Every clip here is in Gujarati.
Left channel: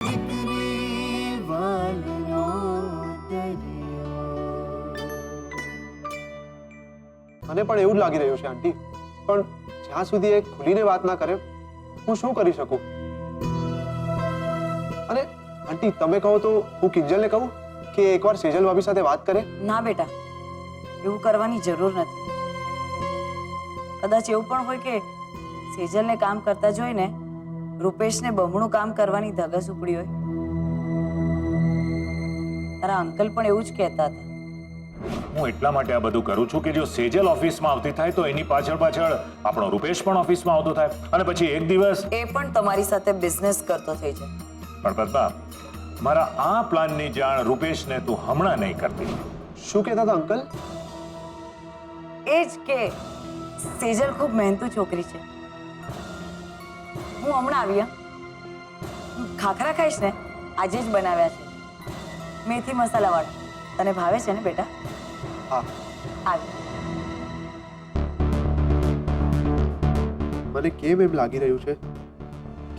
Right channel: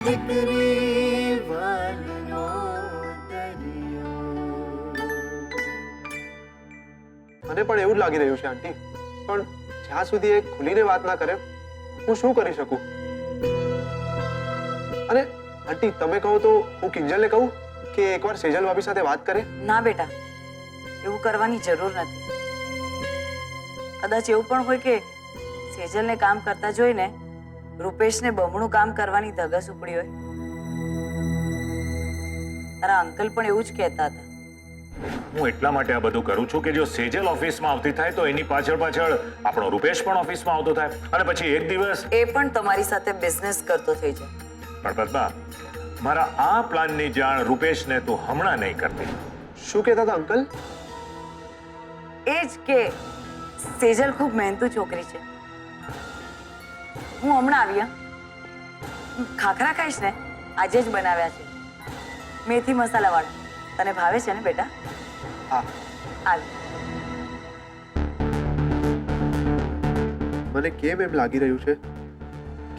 મને પણ એવું જ લાગી રહ્યું છે આંટી, પણ જ્યાં સુધી એ ખુલીને વાત ના કરે હું શું કરી શકું? અને આંટી તમે કહો તો હું કિંજલને કહું કે એકવાર સેજલ ભાભી સાથે વાત કરે? ના બેટા, એવું કરવાની જરૂર નથી. કદાચ એવું પણ હોય કે સેજલને કામ કરતા જોઈને રૂપેશને બમણું કામ કરવાની ધગસ ઉપડી હોય. તારા અંકલ પણ એવું જ કહેતા હતા. હું એટલા માટે આ બધું કરું છું કે જો સેજલ ઓફિસમાં આવતી થાય તો એની પાછળ પાછળ આપણો રૂપેશ પણ ઓફિસમાં આવતો થાય અને પછી એક દિવસ એ પણ તમારી સાથે બિઝનેસ કરતો થઈ જાય. પણ પદ્મા, મારા આ પ્લાનની જાણ રૂપેશને તું હમણાં નહીં કરતી. શું કહેતા હતા અંકલ? એ જ કે સેજલ ખૂબ મહેનતુ છોકરી છે. હું હમણાં આવી. ખાખરા ખાઈશ ને? આજે જ બનાવ્યા છે, મેથી મસાલા વાળા. તને ભાવે છે ને બેટા? હા. આવી. મને કેમ એમ લાગી રહ્યું છે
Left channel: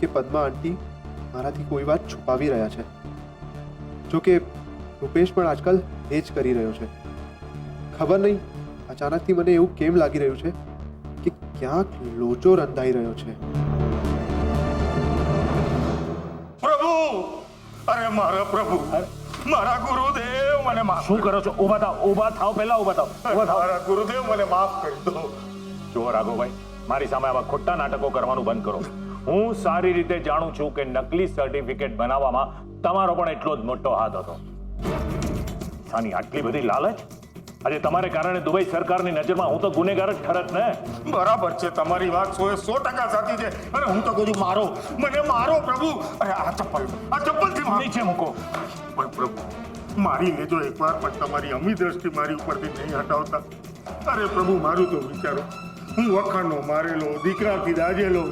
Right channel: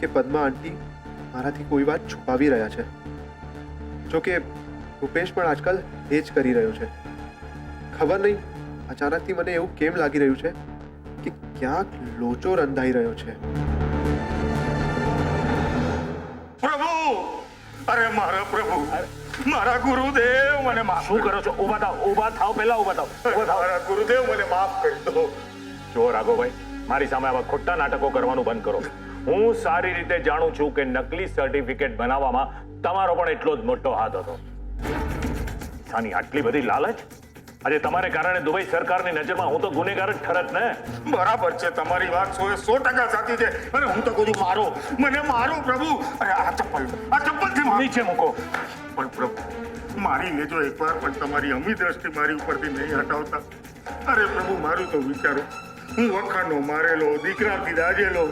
કે પદ્મા આંટી મારાથી કોઈ વાત છુપાવી રહ્યા છે. જો કે રૂપેશ પણ આજકાલ એ જ કરી રહ્યો છે. ખબર નહીં અચાનકથી મને એવું કેમ લાગી રહ્યું છે કે ક્યાંક લોચો રંધાઈ રહ્યો છે. પ્રભુ, અરે મારા પ્રભુ, મારા ગુરુદેવ, મને માફ શું કરો છો? ઊભા થાવ, ઊભા થાવ, પહેલા ઊભા થાવ, ઊભા થાવ. મારા ગુરુદેવ, મને માફ કરી દો. જો રાઘવભાઈ, મારી સામે આવા ખોટા નાટકો કરવાનું બંધ કરો. હું સારી રીતે જાણું છું કે નકલી સર્ટિફિકેટ બનાવવામાં તમારો પણ એટલો જ મોટો હાથ હતો. સાની આટલી બધી લાલચ? આજે તમારે કારણે દુબઈ સરકારની નજરમાં હું તો ગુનેગાર જ ઠરત ને. બરાબર છે, તમારી વાત 100% સાચી છે. અને હું તો કહું છું, મારો, મને મારો પ્રભુ. અરે આ ચપ્પલથી મારો. નીચે મૂકો. પણ પ્રભુ, મારી લેજો એકવાર, પણ તમારી અમી દ્રષ્ટિ મારી ઉપરથી નહીં હટાવતા. અરે પ્રભુ, મારું તો વિચારો. હું વખાનો મારેલો, દીકરાથી દાજેલો.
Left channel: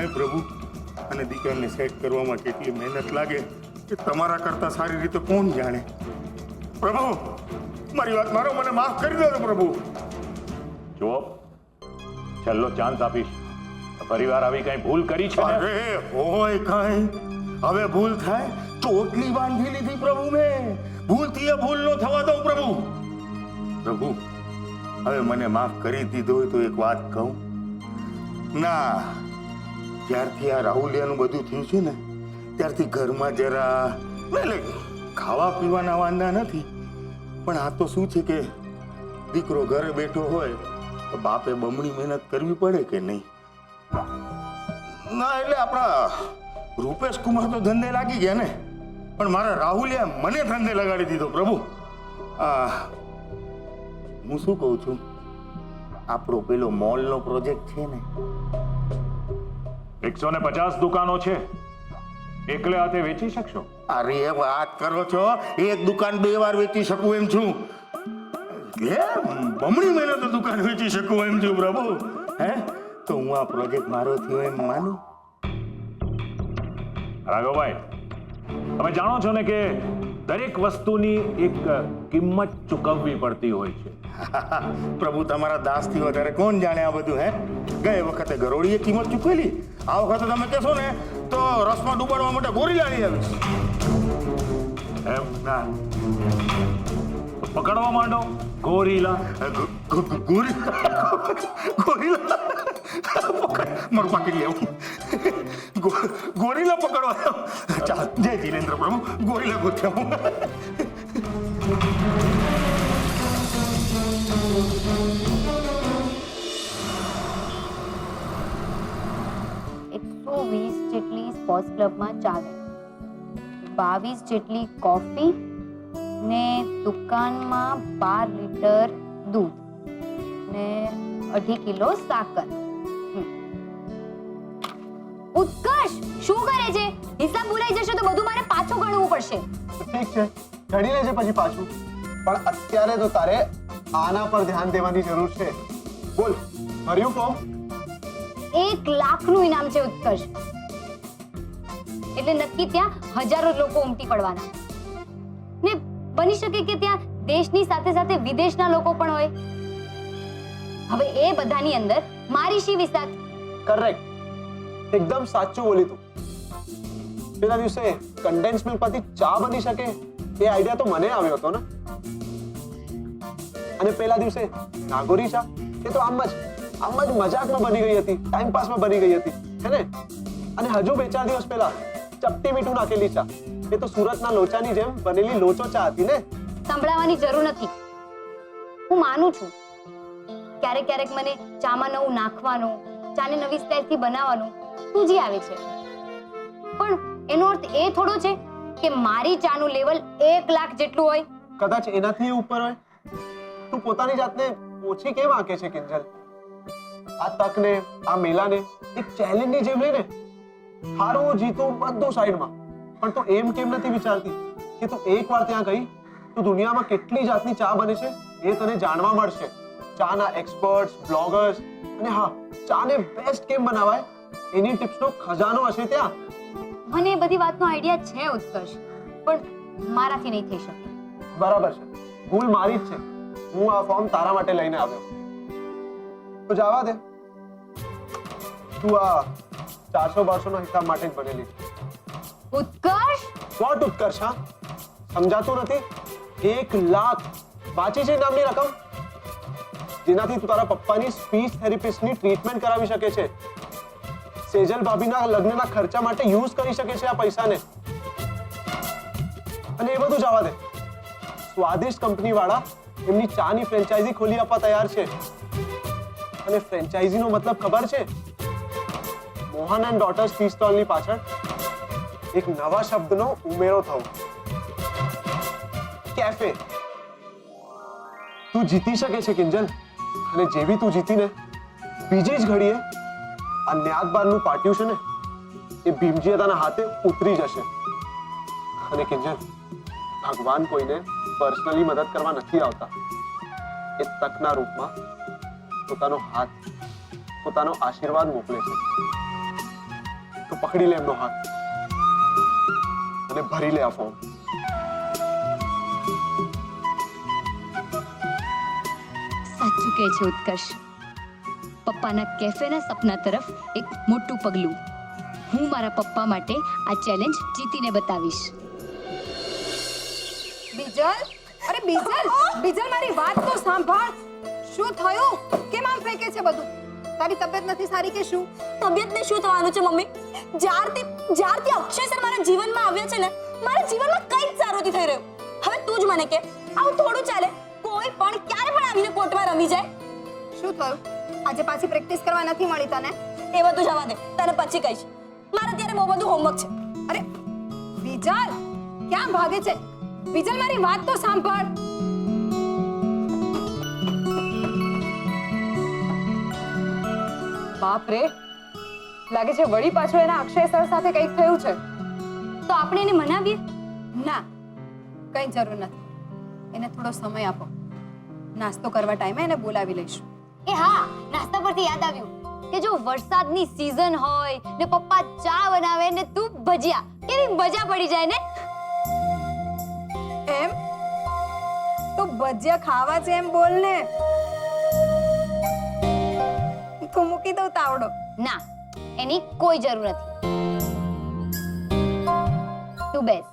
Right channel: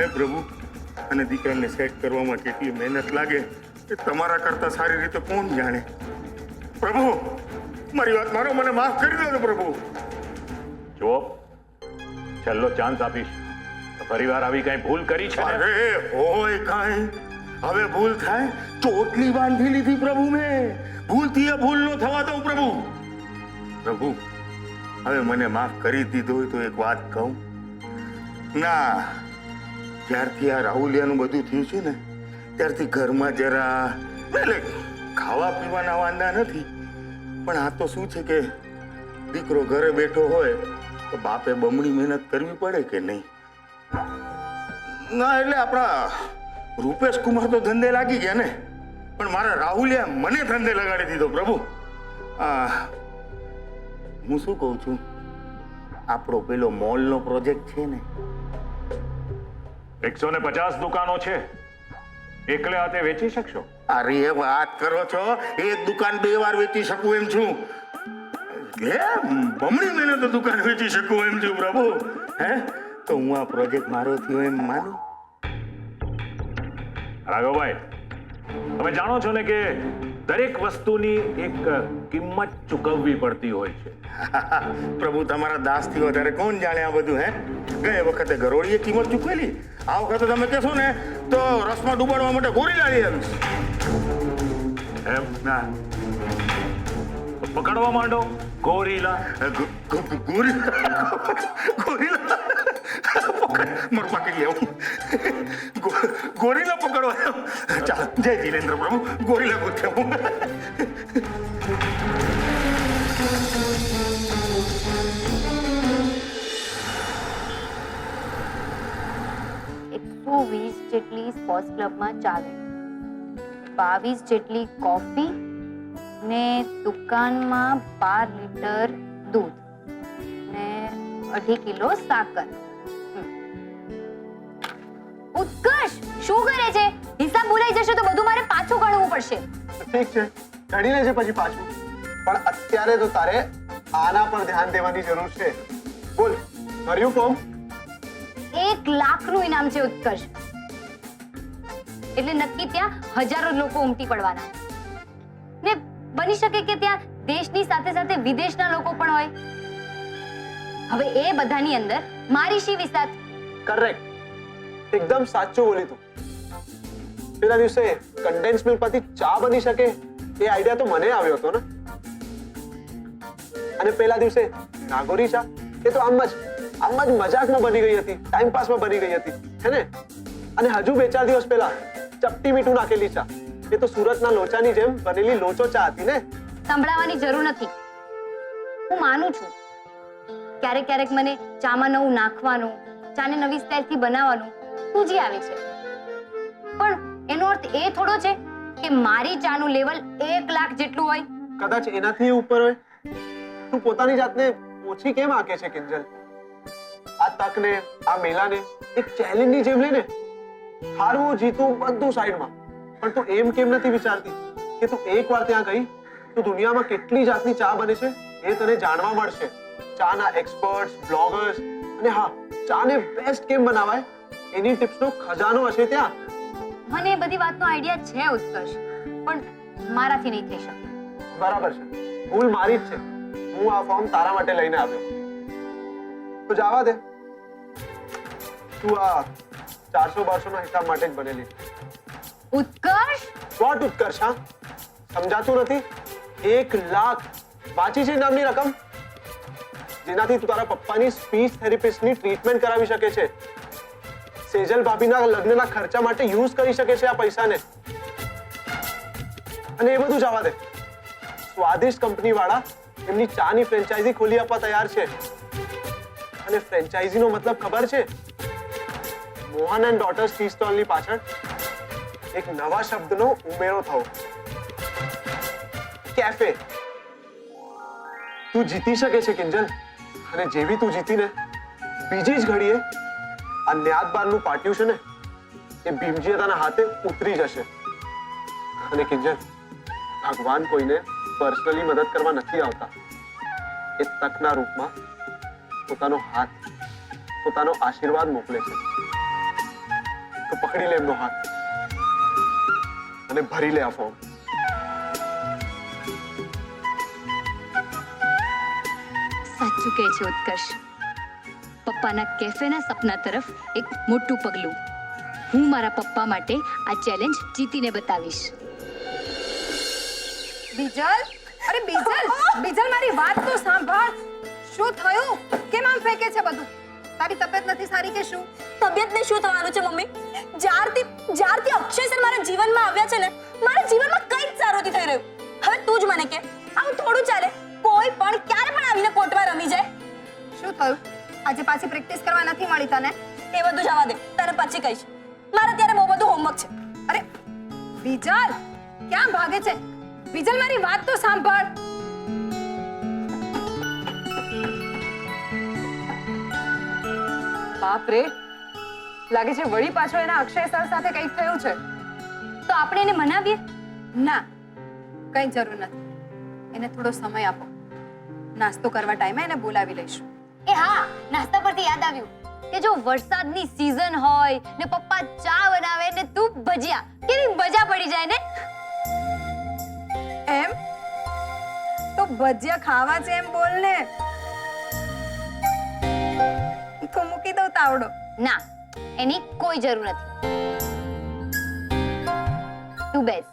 હે પ્રભુ, અને દીકરાને સેટ કરવામાં કેટલી મહેનત લાગે એ તમારા કરતા સારી રીતે કોણ જાણે. પ્રભુ, મારી વાત મારો, મને માફ કરી દો પ્રભુ. જુઓ, છેલ્લો ચાન્સ આપીશ. ફરીવાર આવી કઈ ભૂલ કરી છે ને? અરે હોય કાંઈ, હવે ભૂલ થાય ચોટલી બાંધી લીધી પ્રભુ મેં. ભૂલથી એ ભૂલ ન થવા દઉં પ્રભુ. પ્રભુ, હવે મને માફ કરી દીધો હોય તો એક વાત કહું. ના, જ્યારથી આ રાહુલિયાનું બધું થયું છે ને ત્યારથી ઘરમાં જરા એટલે ખાવા પીવાના વાંધા નથી, પણ આ તો શું છે કે દીકરો ઘરે બેઠો હોય તો બાપે બમણી મહેનત કરવી પડે કે નહીં? ના, એટલે આપણા રૂપેશ કુમાર તો ધંધે લાગી ગયા ને, પણ મારા રાહુલિયા મને ધંધે લગાડી દીધો પ્રભુ. હું શું કહું છું, આપણો પેલો મોલનો પ્રોજેક્ટ છે ને, 150 દુકાનો છે, એકલે હાથે વેચી શકશો? અરે વાત કરો છો, એક દુકાન 2 વાર વેચી શકું એમ છું. હે, બમણી મહેનત દુકાન વેચી શકું એમ છું પ્રભુ. હે, તો હું આ પ્રોજેક્ટ મારો થયો એમ માનું. રાઘવભાઈ, તમે જાણો છો ને કે દરેક વસ્તુની એક કિંમત ચૂકવવી પડતી હોય છે. પ્રભુ, તમારા દાસથી વધારે કોણ જાણે આ બધું? હે, ગયે વખતે ગરોળીએ કિંમત ચૂકવેલી, આ વખતે તમે કહેશો ને તો રસમાં ડૂબાડવા માટે ગોરીલા લઈ આવીશ. એમ? ના, તો પકડવા માંડો ગોરીલા. ગોરીલા મારું પાકીટ લેવું. ગોરીલા પકડવા. ચાલ, જય જીનેન્દ્ર પ્રભુ, ગોરીલા ગોત્યા. જેટલી સ્પોર્ટ્સ ક્લબમાં ચા ગઈ, 22 જેટલી કોફી ને દુકાનમાં 12 લીટર દૂધ ને 2.5 કિલો સાકર. ઉત્કર્ષ, શું કરે છે? હિસાબ ભૂલાઈ જશે તો બધું મારે પાછું ગણવું પડશે. ઠીક છે, ગણી લેજે પછી પાછું, પણ અત્યારે તો તારે આના પર ધ્યાન દેવાની જરૂર છે. બોલ, ભર્યું ફોર્મ? 1 લાખનું ઇનામ છે ઉત્કર્ષ. એટલે નક્કી ત્યાં હજારો લોકો ઉમટી પડવાના ને બની શકે કે ત્યાં દેશની સાથે સાથે વિદેશના લોકો પણ હોય. હવે એ બધાની અંદર મારી શી વિસાત? કરેક્ટ, એકદમ સાચું બોલી તું. પેલા દિવસે કન્ડેન્સ મિલ્કમાંથી ચા બની શકે એ આઈડિયા તો મને આવ્યો હતો ને. અને પેલા દિવસે નાગોરી ચા એ તો આમ જ મજાકમાં બની ગઈ હતી, ટાઈમ પાસમાં બની ગઈ હતી, હે ને? અને હજુ 2-4 દિવસ પહેલા ચપટી મીઠું નાખેલી ચા એ તો સુરતના લોચાની જેમ બનેલી લોચો ચા હતી ને. સંભળાવવાની જરૂર નથી. હું માનું છું ક્યારેક ક્યારેક મને ચામાં નવું નાખવાનું, ચાને નવી સ્ટાઇલથી બનાવવાનું સૂઝી આવે છે, પણ એનો અર્થ એ થોડો છે કે મારી ચાનું લેવલ 1 લાખ જેટલું હોય. કદાચ એનાથી ઉપર હોય. તું પોતાની જાતને ઓછી કેમ આંકે છે કિંજલ? આ તકને, આ મેલાને એક ચેલેન્જની જેમ લઈને હારવું જીતવું બધું સાઈડમાં, પણ તું એમ કેમ નથી વિચારતી કે તું એકવાર ત્યાં ગઈ તો દુનિયામાં કેટલી જાતની ચા બને છે એ તને જાણવા મળશે. ચાના એક્સપર્ટ્સ, બ્લોગર્સ, અને હા, ચાને બેસ્ટ કેમ બનાવાય એની ટિપ્સનો ખજાનો હશે ત્યાં. મને એ બધી વાતનો આઈડિયા છે ઉત્કર્ષ, પણ મારાથી નહીં થઈ શકે. બરાબર છે, ભૂલ મારી જ છે. હું આ ફોર્મ તારા માટે લઈને આવ્યો. તો જવા દે, તું આ 400-200 ના હિસાબ માટે જ બનેલી છે. ઉત્કર્ષ, વોટ ઉત્કર્ષ? હા, સમજાતું નથી? 1 લાખ વાંચી છે નામની રકમ, જેનાથી તું તારા પપ્પાની સ્પીચ થેરેપિસ્ટની ટ્રીટમેન્ટ કરાવી શકે છે. સેજલ ભાભીના લગ્નના ખર્ચા માટે યુઝ કરી શકે છે આ પૈસાને. અને એ બધું જવા દે, સ્વાદિષ્ટ કંપની વાળા એમની ચાની ફ્રેન્ચાઇઝી ખોલી આપવા તૈયાર છે. અને ફ્રેન્ચાઇઝીનો મતલબ ખબર છે? મોહન એન્ડ ડોટર્સ ટી સ્ટોલની પાછળ એક નવા શબ્દનો ઉમેરો થયો, કેફે. તું જીતી શકે છે કિંજલ, અને જેવી તું જીતીને બીજી જ ઘડીએ આ ન્યાતબારનું પાટિયું છે ને એ ભીમજીયાના હાથે ઉતરી જશે. અને કિંજલ, ભગવાન કોઈને પર્સનલી મદદ કરવા નથી આવતા. એ તકના રૂપમાં પોતાનો હાથ, પોતાનો આશીર્વાદ મોકલે છે. તો પકડી લે એમનો હાથ અને ભરી લે આ ફોર્મ. સાચું કહે છે ઉત્કર્ષ. પપ્પાના કેફેના સપના તરફ એક મોટું પગલું. હું મારા પપ્પા માટે આ ચેલેન્જ જીતીને બતાવીશ. બીજલ, અરે બીજલ, બીજલ મારી વાત તો સાંભળ. શું થયું? કેમ આમ ફેંકે છે બધું? તારી તબિયત નથી સારી કે શું? તબિયતને શું થવાનું છે મમ્મી? જ્યારથી અક્ષય સર મારા જીવનમાં આવ્યા છે ને, મારા જીવનમાં કંઈ જ સારું નથી થઈ રહ્યું. હવે તું જ મને કે આવું થોડું ચાલે? કોઈ પણ ક્યારે પણ આવીને કોર્ટમાં રમી જાય. શું થયું? આજે પાછી પ્રેક્ટિસ કરવા નથી મળી તને? એ બધું જવા દે, તને પછી કહીશ. મારે અત્યારે બહુ બધું હોમવર્ક છે. અરે બીજલ, ક્યાં ભાગે છે? બીજલ મારી વાત તો સાંભળ. બાપ રે, લાગે છે વળી પાછો એના અક્ષય સર સાથે કંઈક થયું છે. તો આપણે એને મનાવીએ? ના, કંઈ જરૂર નથી. એને થોડો સમય આપો. નાસ્તો કરવા ટાઈમે એને બોલાવી લઈશું. એ હા, નાસ્તા પરથી યાદ આવ્યું કે જો વરસાદની સીઝન હોય ને પપ્પા ચા બનાવે ને તું ભજીયા, કેવી મજા પડી જાય ને. એમ તો ભજીયા ખાવા છે એમ બોલ ને. તો મૂકી દઉં તાવડો. ના, એની કોઈ જરૂર નથી. તું બેસ,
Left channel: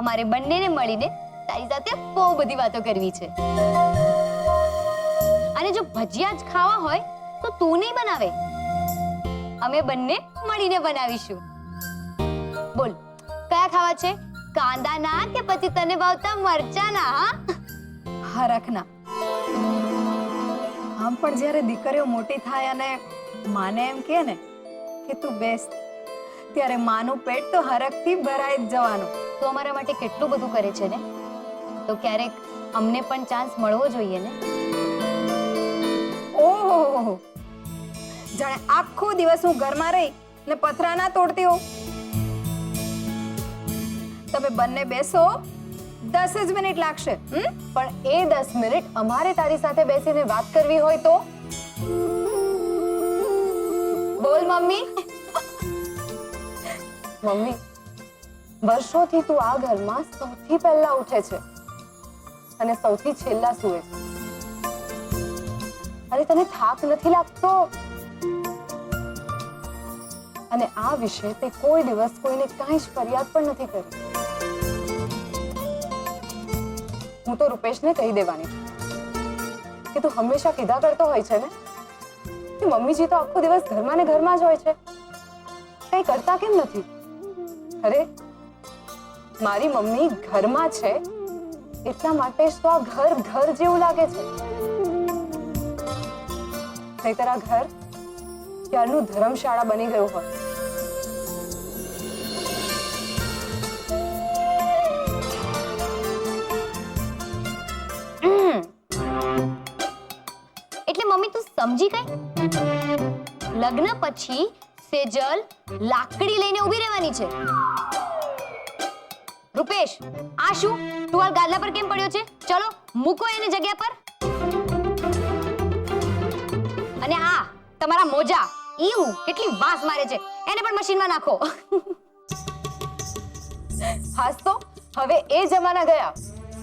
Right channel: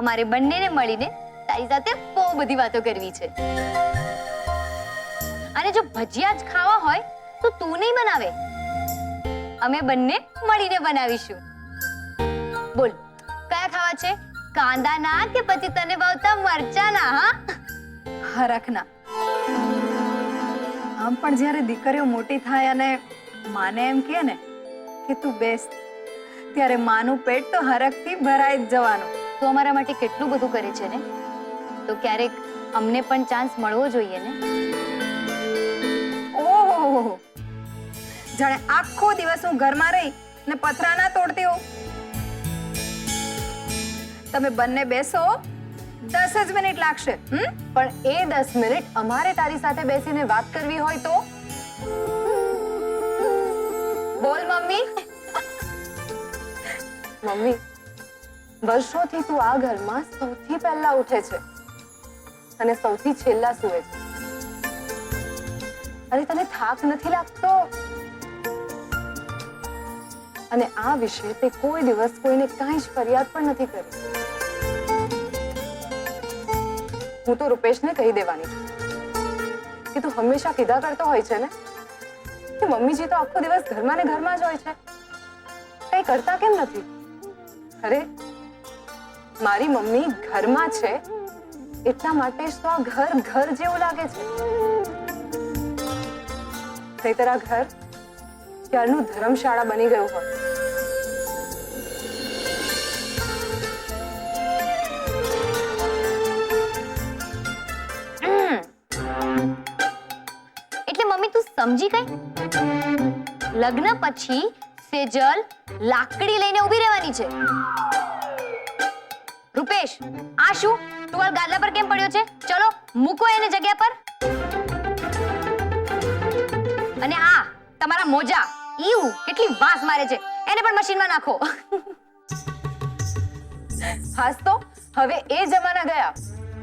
અમારે બંનેને મળીને તારી સાથે બહુ બધી વાતો કરવી છે. અને જો ભજીયા જ ખાવા હોય તો તું નહીં બનાવે, અમે બંને મળીને બનાવીશું. બોલ, કયા ખાવા છે? કાંદાના કે પછી તને ભાવતા મરચાના? હા, હરખના. આમ પણ જ્યારે દીકરીઓ મોટી થાય અને માને એમ કહે ને કે તું બેસ, ત્યારે માનું પેટ તો હરખથી ભરાઈ જ જવાનું. તું અમારા માટે કેટલું બધું કરે છે ને, તો ક્યારેક અમને પણ ચાન્સ મળવો જોઈએ ને. ઓહો, જાણે આખો દિવસ હું ઘરમાં રહી ને પથરા ના તોડતી હોઉં. તમે બંને બેસો, 10 જ મિનિટ લાગશે. પણ એ 10 મિનિટ અમારે તારી સાથે બેસીને વાત કરવી હોય તો બોલ મમ્મી. મમ્મી, વર્ષોથી તું આ ઘરમાં સૌથી પહેલા ઉઠે છે અને સૌથી છેલ્લા સૂવે છે. અને તને થાક નથી લાગતો? અને આ વિશે તે કોઈ દિવસ કોઈને કાંઈ જ ફરિયાદ પણ નથી કરી. હું તો રૂપેશને કહી દેવાની છું કે તું હંમેશા કીધા કરતો હોય છે ને કે મમ્મીજી તો આખો દિવસ ઘરમાં ને ઘરમાં જ હોય છે, કંઈ કરતા કેમ નથી? અરે મારી મમ્મી ઘરમાં છે એટલા માટે જ તો આ ઘર ઘર જેવું લાગે છે. નહીતર આ ઘર ક્યારનું ધર્મશાળા બની ગયું હોત. એટલે મમ્મી તું સમજી ગઈ? લગ્ન પછી સેજલ લાકડી લઈને ઊભી રહેવાની છે. રૂપેશ, આ શું ટુવાલ ગાદલા પર કેમ પડ્યો છે? ચલો મૂકો એને જગ્યા પર. અને આ તમારા મોજા, ઈવ કેટલી વાસ મારે છે, એને પણ મશીનમાં નાખો. હાસ તો હવે એ જમાના ગયા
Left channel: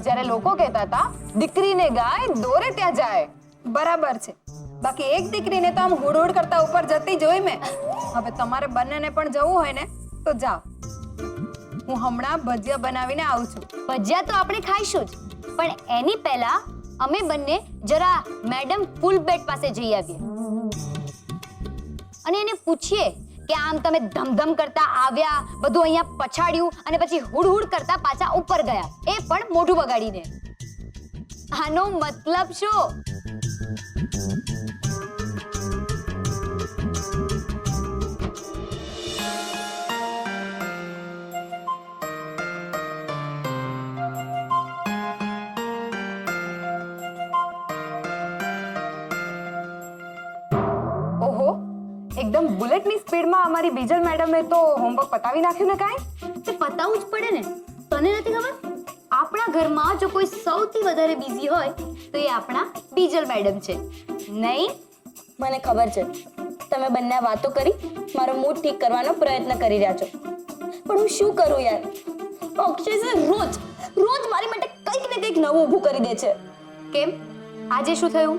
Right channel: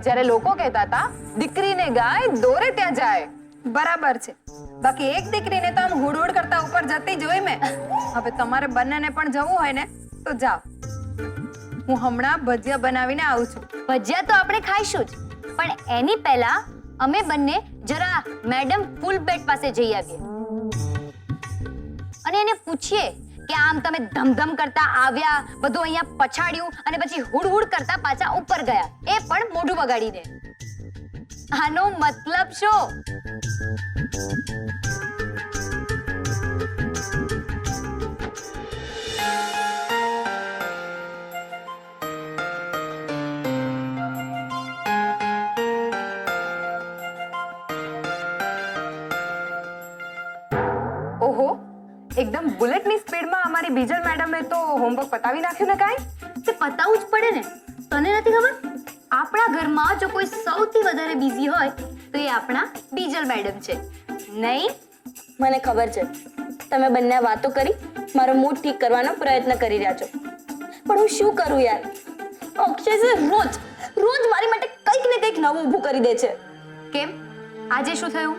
જ્યારે લોકો કહેતા હતા દીકરીને ગાય દોરે ત્યાં જાય. બરાબર છે. બાકી એક દીકરીને તો આમ હુડ હુડ કરતા ઉપર જતી જોઈ મેં. હવે તમારે બંનેને પણ જવું હોય ને તો જાઓ. હું હમણાં ભજીયા બનાવીને આવું છું. ભજીયા તો આપણે ખાઈશું જ, પણ એની પહેલા અમે બંને જરા મેડમ ફૂલ બેડ પાસે જઈ આવીએ અને એને પૂછીએ કે આમ તમે ધમધમ કરતા આવ્યા, બધું અહીંયા પછાડ્યું અને પછી હુડ હુડ કરતા પાછા ઉપર ગયા, એ પણ મોઢું બગાડીને. આનો મતલબ શું? ઓહો, એકદમ બુલેટની સ્પીડમાં અમારી બીજલ મેડમે તો હોમવર્ક પતાવી નાખ્યું ને કાંઈ? તે પતાવું જ પડે ને. તને નથી ખબર? આપણા ઘરમાં જો કોઈ સૌથી વધારે બિઝી હોય તો એ આપણા બીજલ મેડમ છે, નહીં? મને ખબર છે તમે બંને આ વાતો કરી મારો મૂડ ઠીક કરવાનો પ્રયત્ન કરી રહ્યા છો, પણ હું શું કરું યાર? અક્ષય સર રોજ રોજ મારી માટે કંઈક ને કંઈક નવું ઊભું કરી દે છે. કેમ? આજે શું થયું?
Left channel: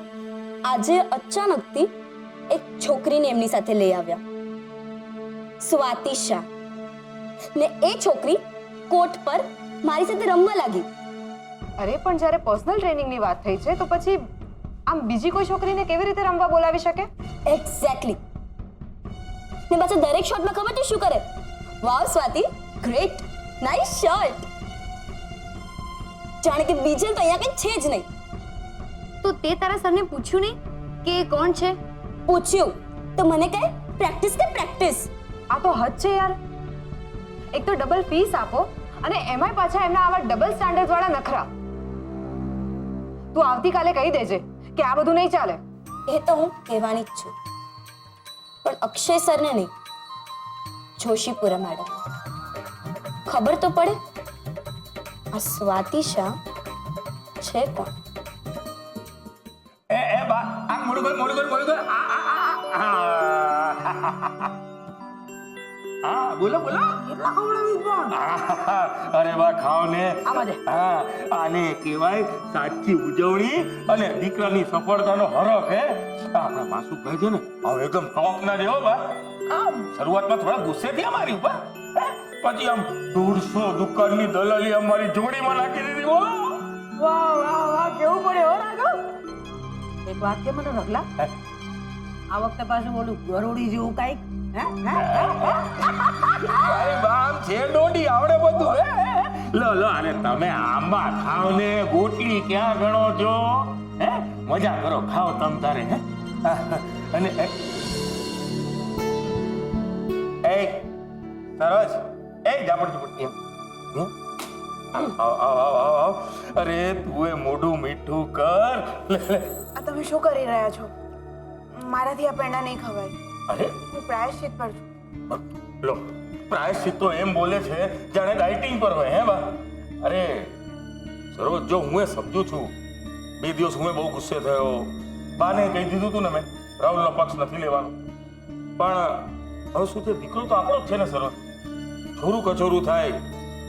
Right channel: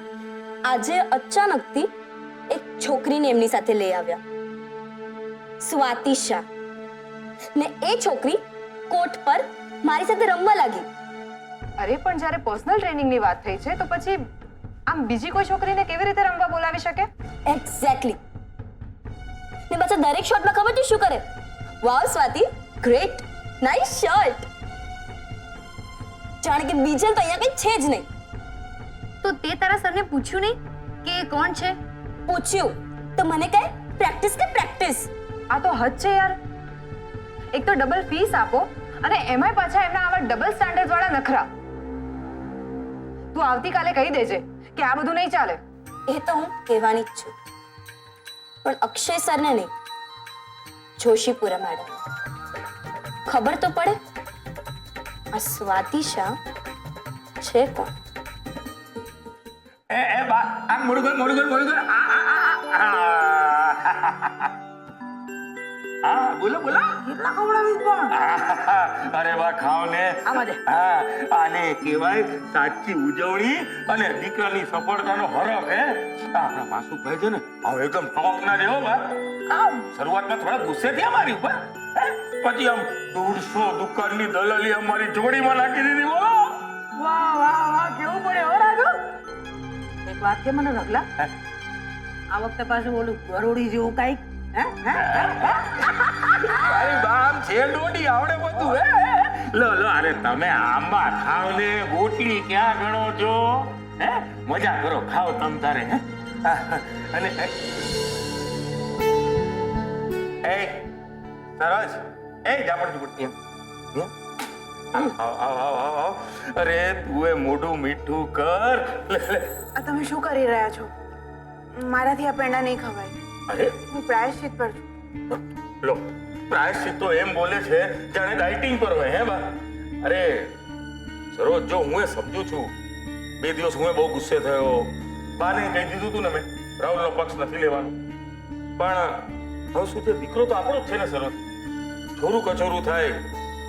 આજે અચાનકથી એક છોકરીને એમની સાથે લઈ આવ્યા, સ્વાતિ શાહ. ને એ છોકરી કોર્ટ પર મારી સાથે રમવા લાગી. અરે પણ જ્યારે પર્સનલ ટ્રેનિંગની વાત થઈ છે તો પછી આમ બીજી કોઈ છોકરીને કેવી રીતે રમવા બોલાવી શકે? એક્ઝેક્ટલી. ને પાછા દરેક શોટમાં ખબર છે શું કરે? વાવ સ્વાતિ, ગ્રેટ, નાઇસ શોટ. જાણે કે બીજલ તો અહીંયા કંઈ છે જ નહીં. તો તે તારા સરને પૂછ્યું નહીં કે એ કોણ છે? પૂછ્યું તો મને કહે પ્રેક્ટિસ કે પ્રેક્ટિસ. આ તો હદ છે યાર. એક તો ડબલ ફીસ આપો અને એમાંય પાછા એમના આવા ડબલ સ્ટાન્ડર્ડ વાળા નખરા. તું આવતીકાલે કહી દેજે કે આ બધું નહીં ચાલે. એ તો હું કહેવાની જ છું, પણ અક્ષય સરને નહીં, જોશીપુરા મેડમ. ખબર તો પડે આ સ્વાતિ શાહ છે કોણ? એ બા આ મોડું કર હા બોલો કેટલા ખવડાવી પણ? અરે બા ખાવ ને. હા, આને કહેવાય સાચી ઉજવણી અને દીકરાની સફળતાનો હરખ. હે આપણા માસુભાઈ છે ને હવે એકદમ ટોપ ના જેવો બા. આમ શરૂઆતમાં થોડા ગુસ્સે થયા મારી ઉપર, પછી આમ 150 દુકાનની દલાલી અમારી જોડીમાં નાખી દીધી. બોલો વાહ કેવું પડે હો રાઘવ. એક વાત કે મને રગલા, આ વખતે પાછું ઓલું ગરોડી જેવું કાંઈક અરે બામ છે ડોડી આવડે બધું. હે લો અરે તમે આંબા ખાવ ને ગોટલી ક્યાં ગણો છો? હે મજા કરો, ખાઓ તમ તારે. હે અને એ સરસ એ જાપડ આવ. અરે તું એ મોઢું મીઠું કર. આ તમે શું કરી રહ્યા છો? મારાથી આ પેંડા નહીં ખવાય. અરે હું પ્રાયશ્ચિત પર છું. લો પ્રાયશ્ચિત તો એમ બોલે છે જાણે ડાયટિંગ પર હોય. હે બા અરે સરોજ, જો હું એ સમજુ છું 2 દિવસ હું બહુ ગુસ્સે થયો, બાને કહી દીધું તું ને મેં રાહુલનો પક્ષ નથી લેવાનો, પણ હવે શું છે, દીકરો તો આપણો જ છે ને સરોજ. છોરું કચોરું થાય,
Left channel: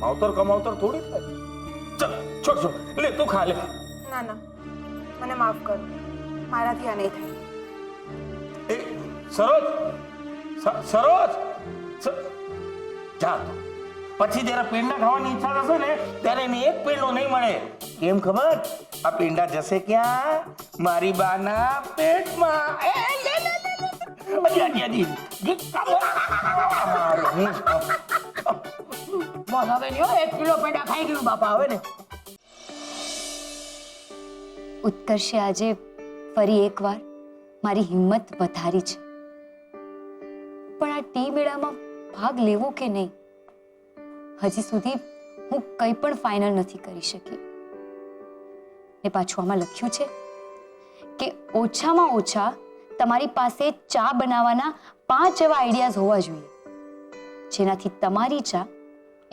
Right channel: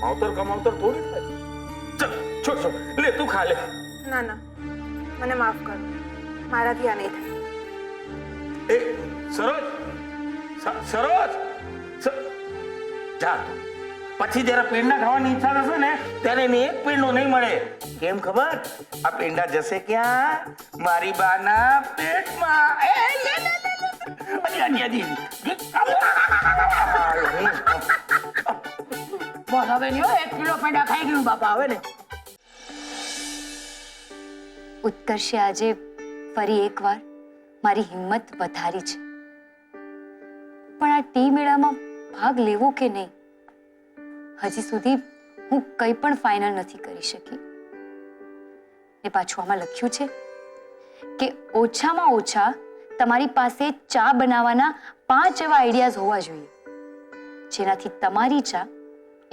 માવતર કમાવતર થોડી થાય. ચલ છોડ લે તું ખા લે. ના મને માફ કરો, મારાથી આ નહીં થાય. એ સરોજ સરોજ જા તું. પછી જયારે પેંડા ખાવાની ઈચ્છા થશે ને ત્યારે એને એક પેંડો નહીં મળે. કેમ ખબર? આ પેંડા જશે ક્યાં? મારી બાના પેટમાં. એ લે લે લે હજી. બસ હવે નહીં હો, 1 કિલો પેંડા ખાઈ ગયું બાપા હવે ને. ઉત્કર્ષે આજે ફરી એકવાર મારી હિંમત વધારી છે. પણ આ ટી મેળામાં ભાગ લેવો કે નહીં, હજી સુધી હું કંઈ પણ ફાઇનલ નથી કરી શકી. ને પાછું આમાં લખ્યું છે કે ઓછામાં ઓછા તમારી પાસે ચા બનાવવાના 5 એવા આઈડિયાઝ હોવા જોઈએ જેનાથી તમારી ચા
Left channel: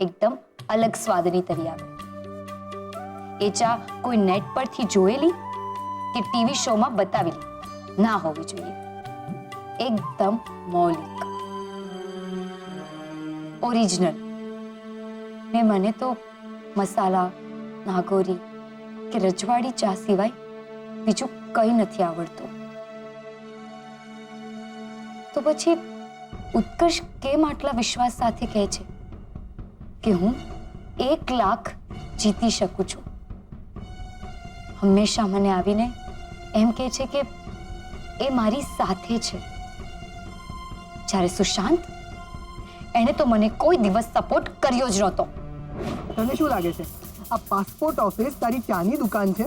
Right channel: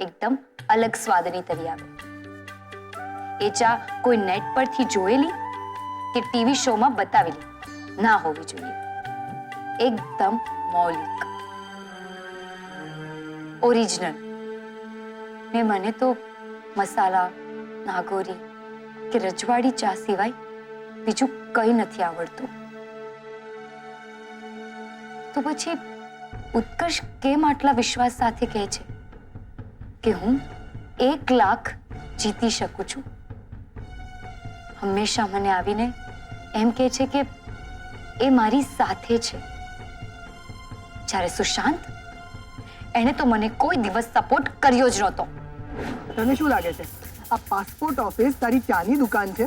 એકદમ અલગ સ્વાદની તરી આવે. એ ચા કોઈ નેટ પરથી જોયેલી કે ટીવી શોમાં બતાવેલી ના હોવી જોઈએ. એકદમ મૌલિક, ઓરિજિનલ. ને મને તો મસાલા, નાગોરી કે રજવાડી ચા સિવાય બીજું કંઈ નથી આવડતું. તો પછી ઉત્કર્ષ કેમ આટલા વિશ્વાસ સાથે કહે છે કે હું 1 લાખ જીતી શકું છું? હંમેશા મને આવીને એમ કહે છે કે એ મારી સાથે છે, જ્યારે સુશાંત, એણે તો મને કોઈ દિવસ સપોર્ટ કર્યો જ નહોતો. તને શું લાગે છે આ પાસપોર્ટ ઓફિસ તારી ચાની દુકાન છે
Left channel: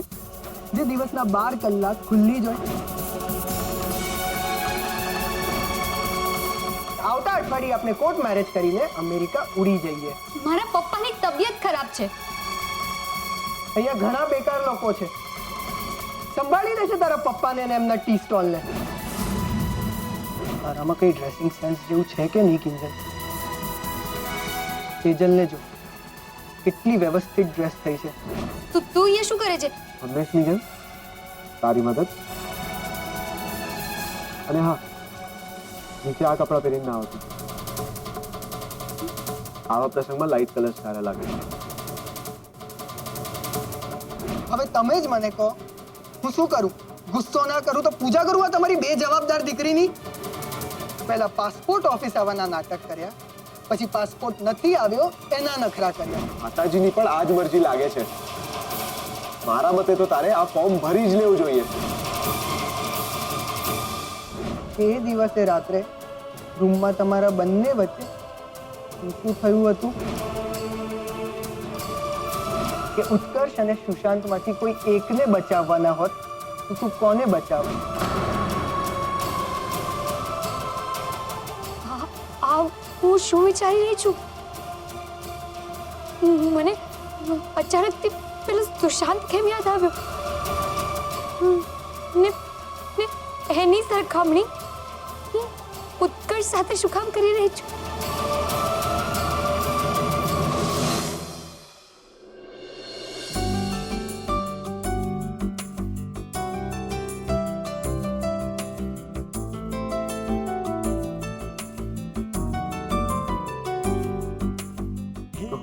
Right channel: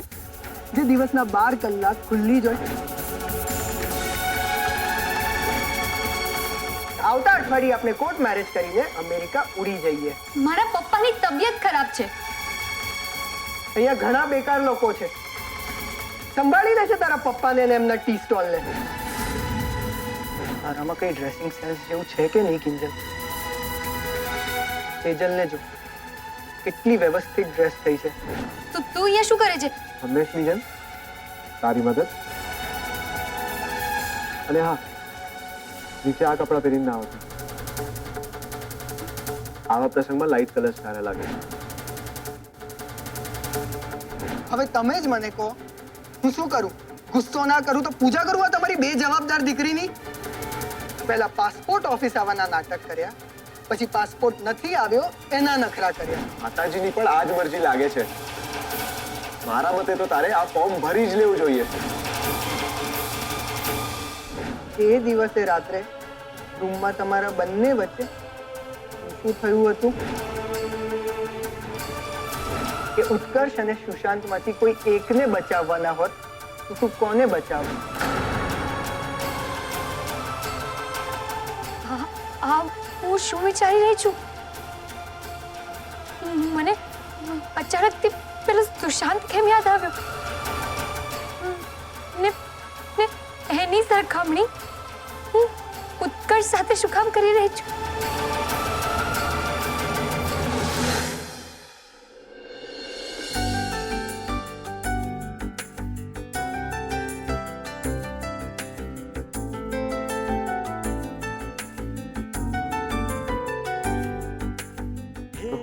જે દિવસના 12 કલાક ખુલ્લી જ હોય? આવતા અઠવાડિયે આપણે કોર્ટ મેરેજ કરીને અમેરિકા ઉડી જઈએ. મારા પપ્પાની તબિયત ખરાબ છે. અહીંયા ઘણા બેકાર લોકો છે. સંભાળી લેશે તારા પપ્પાને અને એમના ટી સ્ટોલને. તારામાં કઈ ડ્રેસિંગ સેન્સ જેવું છે કે નહીં કિંજલ? સેજલને જો કેટલી વ્યવસ્થિત ડ્રેસ થઈ છે. તું અહીંયા શું કરે છે? હંમેશની જેમ તારી મદદ. અને હા, નીચે આ કપડાં પહેરીને ના આવતી. આવા પ્રસંગમાં લાઇટ કલર સારા લાગે. હવે તમે જ મને કહો, હું શું કરું? ગુસ્સો ના કરું તો પૂજા કરું આ તમારી બેજવાબદાર દીકરીની? પહેલા પાસપોર્ટ ઓફિસ આવવાના નાટક કર્યા, પછી પાસપોર્ટ નથી આવ્યો એના નખરા કર્યા. માતાજીની પણ આ જ મરજી લાગે છે. મારા મતે તો તારે આ ફોર્મ ભરી જ લેવું જોઈએ. એ દિવસે રાત્રે રૂમમાં તમારા બંને વચ્ચે શું થયું હતું કે ઉત્કર્ષ અને સુશાંતમાંથી કોઈ એકને બચાવવાના હોત તો તું કોને બચાવ? આ હું શું વિચારી રહી છું? મને અચાનકથી પેલો સુશાંત કેમ યાદ આવ્યો? ને એની સરખામણી હું ઉત્કર્ષ સાથે શું કામ કરી રહી છું?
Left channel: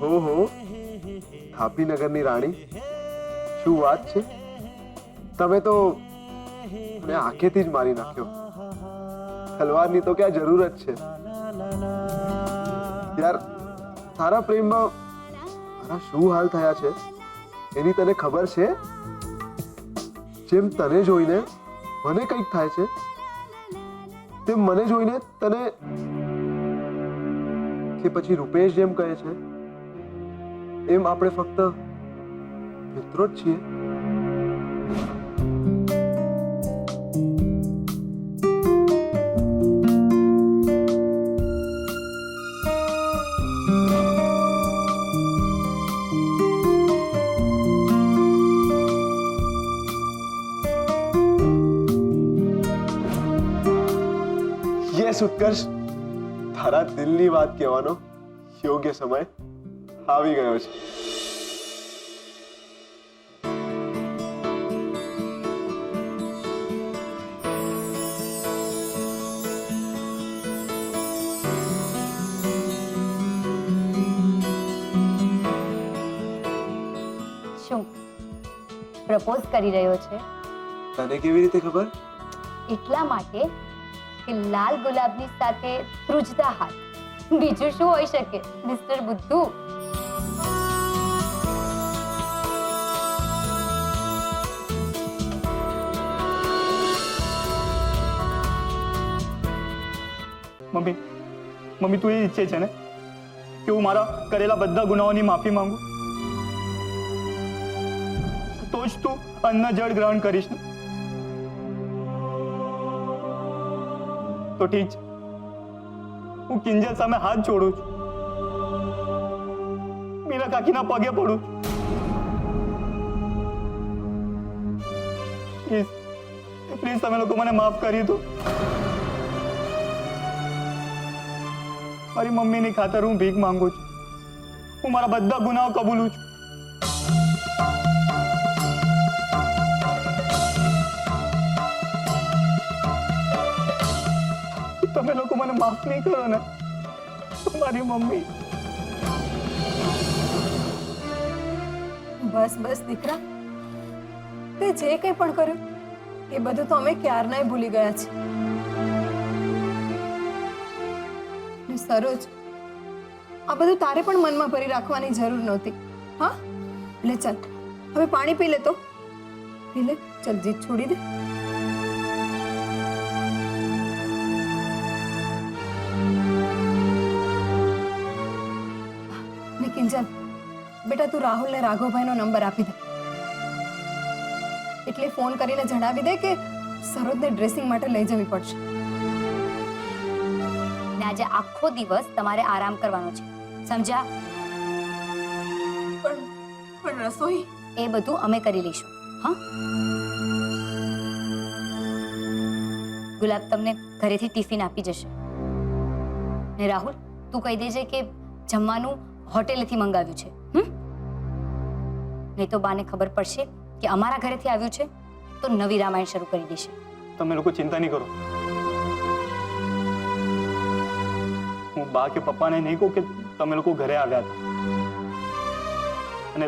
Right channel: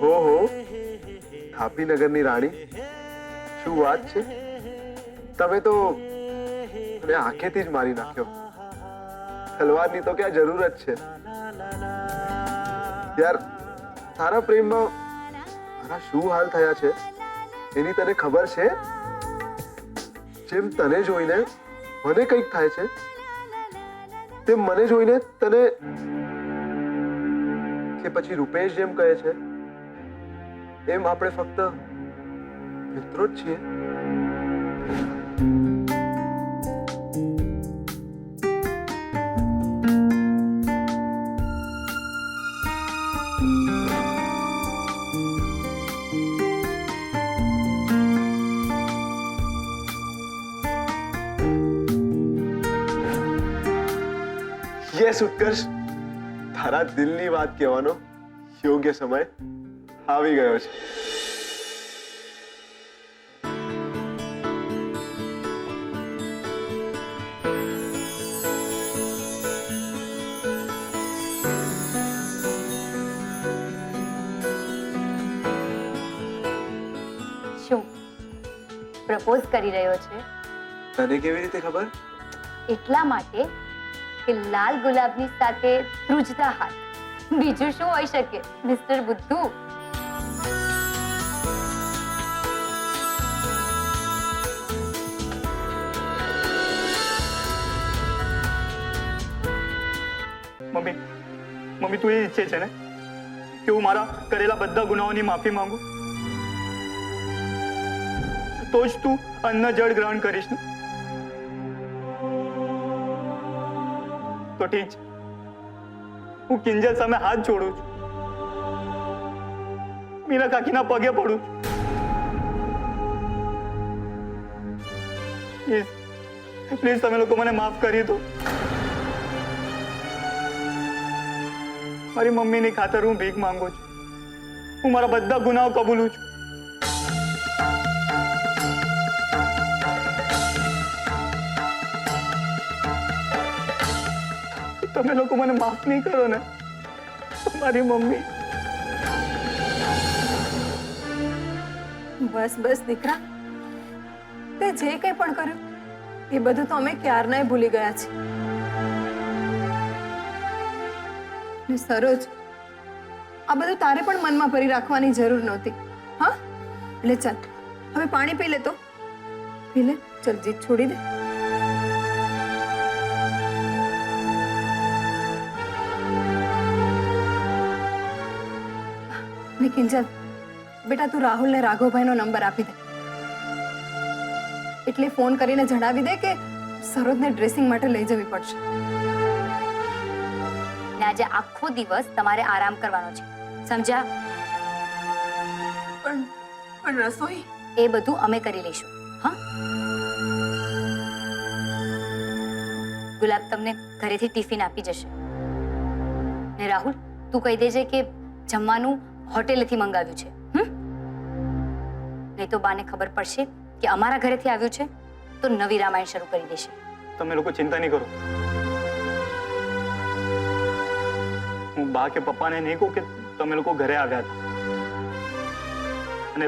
હો થાપીનગરની રાણી, શું વાત છે! તમે તો મને આંખેથી જ મારી નાખ્યો. તલવારની તો ક્યાં જરૂરત છે યાર. તારા પ્રેમમાં મારા શું હાલ થયા છે એની તને ખબર છે? જેમ તને જોઈને મને કંઈક થાય છે, તેમ મને જોઈને તને, કે પછી રૂપેશ જેમ કહે છે એમ આપણે ફક્ત મિત્રો જ છીએ. યસ ઉત્કર્ષ, તારા દિલની વાત કહેવાનો યોગ્ય સમય આવી ગયો છે. શું પ્રપોઝ કરી રહ્યો છે? તને કેવી રીતે ખબર? એટલા માટે કે લાલ ગુલાબની સાથે ધ્રુજતા હાથ બીજું શું હોઈ શકે મિસ્ટર બુદ્ધુ? મમ્મી મમ્મી તું એ ઈચ્છે છે ને કે હું મારા કરેલા બધા ગુનાઓની માફી માંગુ? તો જ તું અન્ન જળ ગ્રહણ કરીશ ને? તો ઠીક છે, હું કિંજલ સામે હાથ જોડું છું, મીરા કાકીના પગે પડું છું. પ્લીઝ પ્લીઝ તમે લોકો મને માફ કરી દો. મારી મમ્મીની ખાતર હું ભીખ માંગુ છું. હું મારા બધા ગુનાઓ કબૂલું છું. તમે લોકો મને માફ નહીં કરો ને તો મારી મમ્મી. બસ બસ દીકરા, તે જે કંઈ પણ કર્યું એ બધું તો અમે ક્યારનાય ભૂલી ગયા છીએ. ને સરોજ, આ બધું તારે પણ મનમાં ભરી રાખવાની જરૂર નહોતી. હા, એટલે ચાલ હવે પાણી પી લે. તો પી લે, ચાલ જીત છોડી દે. ને કિંજલ બેટા, તું રાહુલને રાઘવભાઈનો નંબર આપી દે. એટલે ફોન કરીને જણાવી દે કે સરોજને ડ્રેસિંગ માટે લઈ જવી પડશે. ને આજે આખો દિવસ તમારે આરામ કરવાનો છે, સમજ્યા? પણ રસોઈ એ બધું અમે કરી લઈશું. હા, ગુલાબ તમને ઘરેથી ટિફિન આપી જશે. ને રાહુલ, તું કહી દેજે કે જમવાનું હોટેલેથી મંગાવ્યું છે. નહીં તો બાને ખબર પડશે કે અમારા ઘરેથી આવ્યું છે તો નવી રામાયણ શરૂ કરી દેશે. તમે લોકો ચિંતા નહીં કરો. હું બા કે પપ્પાને નહીં કહું કે તમે લોકો ઘરે આવ્યા હતા, અને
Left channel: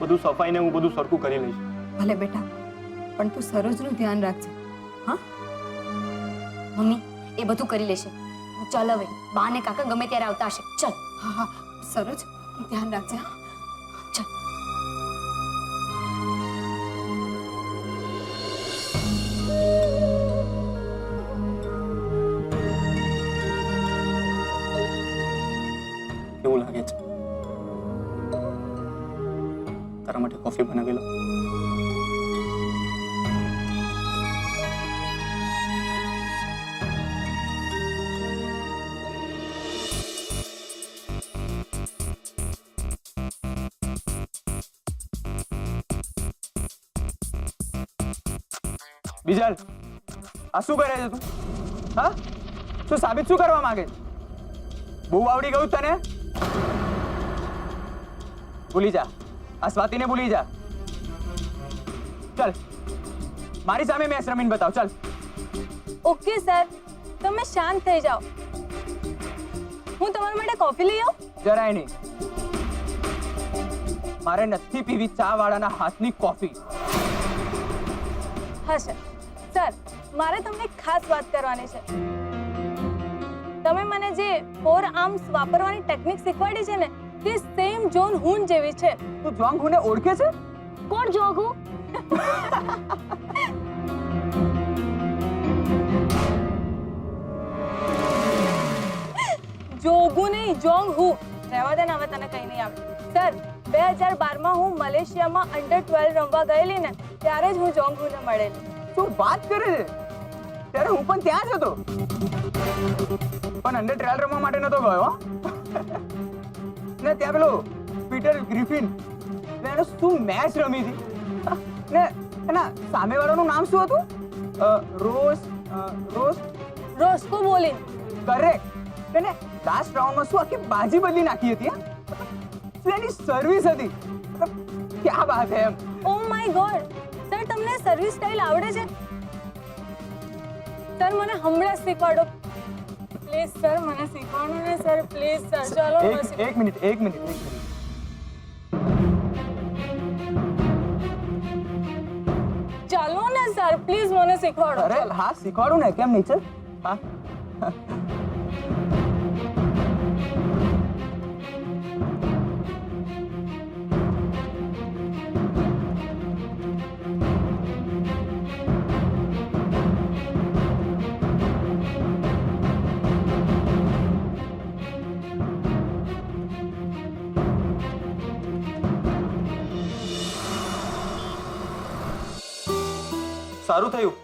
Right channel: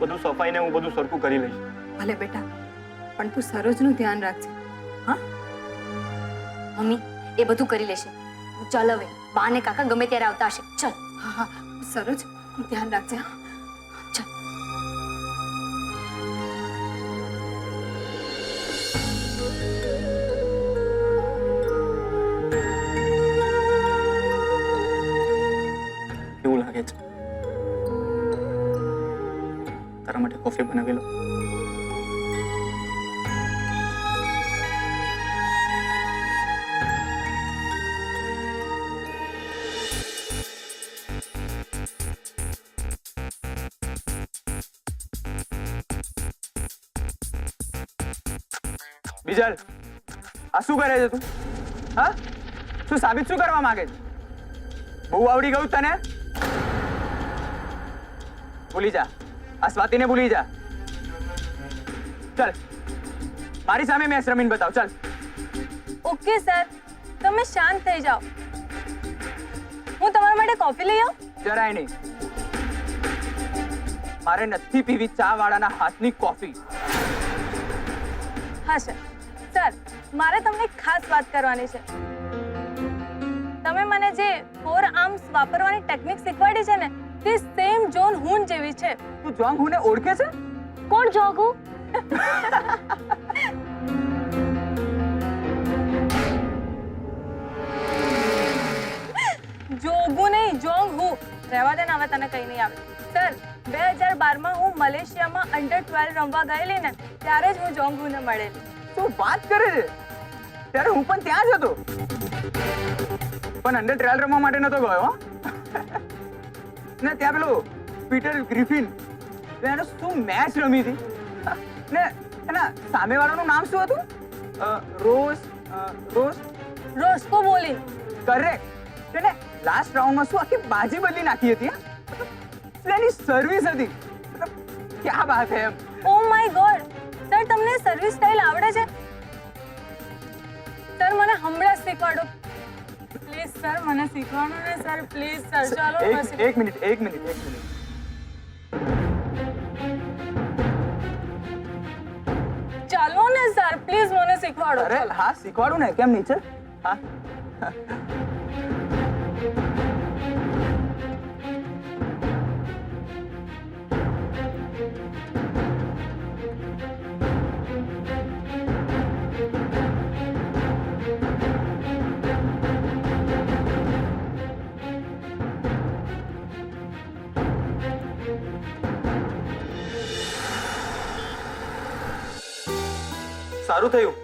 બધું સફાઈને હું બધું સરખું કરી લઈશ. ભલે બેટા, પણ તું સરોજનું ધ્યાન રાખજે. હા મમ્મી, એ બધું કરી લેશે. તું ચાલ હવે, બા ને કાકા ગમે ત્યારે આવતા હશે. ચાલ. હા હા, સરોજ ધ્યાન રાખજે. હા ચાલ. કેવું લાગે છે? તારા માટે કોફી બનાવી લો. બીજલ, આ શું કરે છે તું? હા, શું સાબિત શું કરવા માંગે છે? બહુ આવડી ગયું તને? ભૂલી જા, આ સ્વાતિને ભૂલી જા. ચાલ મારી સામે મેચ રમીને બતાવ. ચાલ. ઓકે સર, તમે શાંત થઈ જાઓ. હું તમારા માટે કોફી લઈ આવું? જરાય નહીં. મારે નથી પીવી ચા વાળાના હાથની કોફી. હા સર. સર, મારે તમને એક ખાસ વાત કરવાની છે. તમે મને જે 4 આર્મ્સ વાપરવાની ટેકનિક શીખવાડી છે ને, તે સેમ જોન હું જેવી છે. તું જોંગ હુને ઓળખે છે? કોણ જોગુ? જોગુ નહીં, જોંગ હું. રહેવા દે ને, હવે તને કઈ નહીં આવે. સર, 2012માં હું મલેશિયામાં અંડર-12 રમવા ગયેલી ને, ત્યારે જ હું જોંગ હુને મળેલી. શું વાત કરે છે? ત્યારે હું પણ ત્યાં જ હતો, પણ અંડર-12 રમવા માટે નતો ગયો. ને ત્યાં પેલો પીટર ગ્રિફિન, એને શું મેચ રમી હતી. ને એના સામેવાળાનું નામ શું હતું? રોસ્કો બોલિંગ. કરેક્ટ. એને લાસ્ટ રાઉન્ડમાં શું આખી બાજી બદલી નાખી હતી. એની સર્વિસ હતી. ક્યાં વાત હે એમ. Oh my God. સર, તમને સર્વિસ સ્ટાઇલ આવડે છે? સર, મને હમણાં શીખવાડો પ્લીઝ. સર, મને શીખવાડો ને સર, પ્લીઝ સર. ચાલો. એક મિનિટ. ચાલો ને સર, પ્લીઝ મને શીખવાડો. અરે હા, શીખવાડું ને, કેમ નહીં? ચલ. હા સારું થયું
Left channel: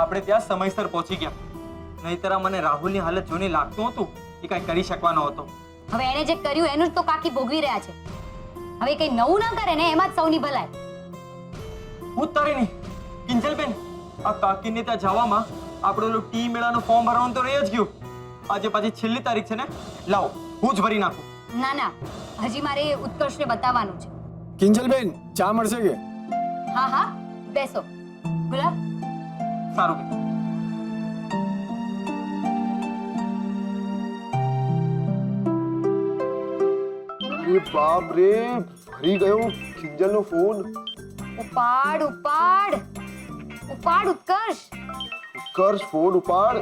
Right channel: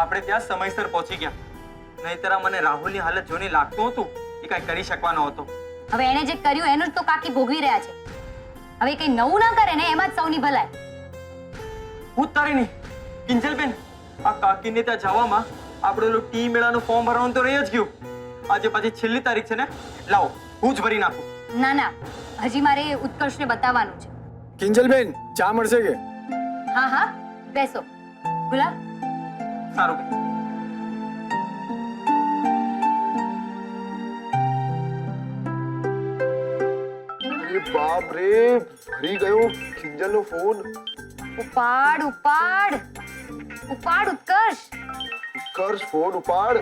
આપણે ત્યાં સમયસર પહોંચી ગયા, નહીંતર આ મને રાહુલની હાલત જોઈને લાગતું હતું એ કાંઈ કરી શકવાનો હતો. હવે એને જે કર્યું એનું જ તો કાકી ભોગવી રહ્યા છે. હવે કઈ નવું ના કરે ને એમાં જ સૌની ભલાઈ. હું તારી નહીં કિંજલબેન, આ કાકીને ત્યાં જવામાં આપણે ઓલું ટી મેળાનું ફોર્મ ભરવાનું તો રહી જ ગયું. આજે પાછી છેલ્લી તારીખ છે ને, લાવો હું જ ભરી નાખું. ના ના, હજી મારે ઉત્કર્ષને બતાવવાનું છે. કિંજલબેન, ચા મળશે કે? હા હા, બેસો. ગુલાબ, સારું બેન. અરે બાપ રે, ફરી ગયો કિંજલનો ફોન. ઉપાડ ઉપાડ ઉપાડ ઉત્કર્ષ. ઉત્કર્ષ, ફોન ઉપાડ.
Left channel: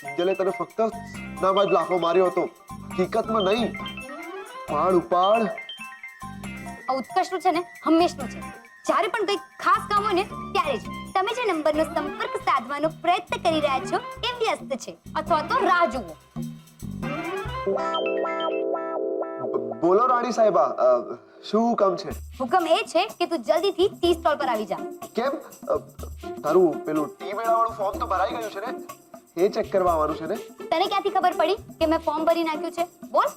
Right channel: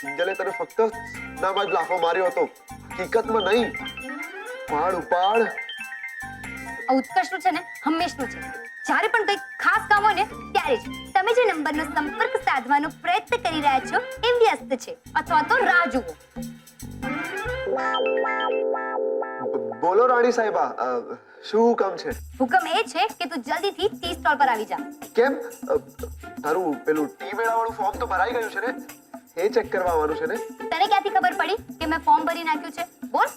કિંજલે તને ફક્ત નામાં જ લાફો માર્યો હતો, હકીકતમાં નહીં. ઉપાડ ઉપાડ. આ ઉત્કર્ષનું છે ને હંમેશનું છે. જ્યારે પણ કંઈક ખાસ કામ હોય ને ત્યારે જ તમે જે નંબરનો સંપર્ક સાધવાનો પ્રયત્ન કરી રહ્યા છો એ વ્યસ્ત છે અથવા તો રાહ જુઓ. બોલો રાણી સાહેબા, શું હુકમ છે? હુકમ એ છે કે તું જલ્દીથી ટી સ્ટોલ પર આવી જા. કેમ? તારું પેલું ટી મેળાવાળું ફોર્મ તો ભરાઈ ગયું છે ને, એ ચેક કરવા આવવાનું છે ને? તને ક્યાંથી ખબર પડી કે મેં ફોર્મ ભરી નાખ્યું છે? બોલ.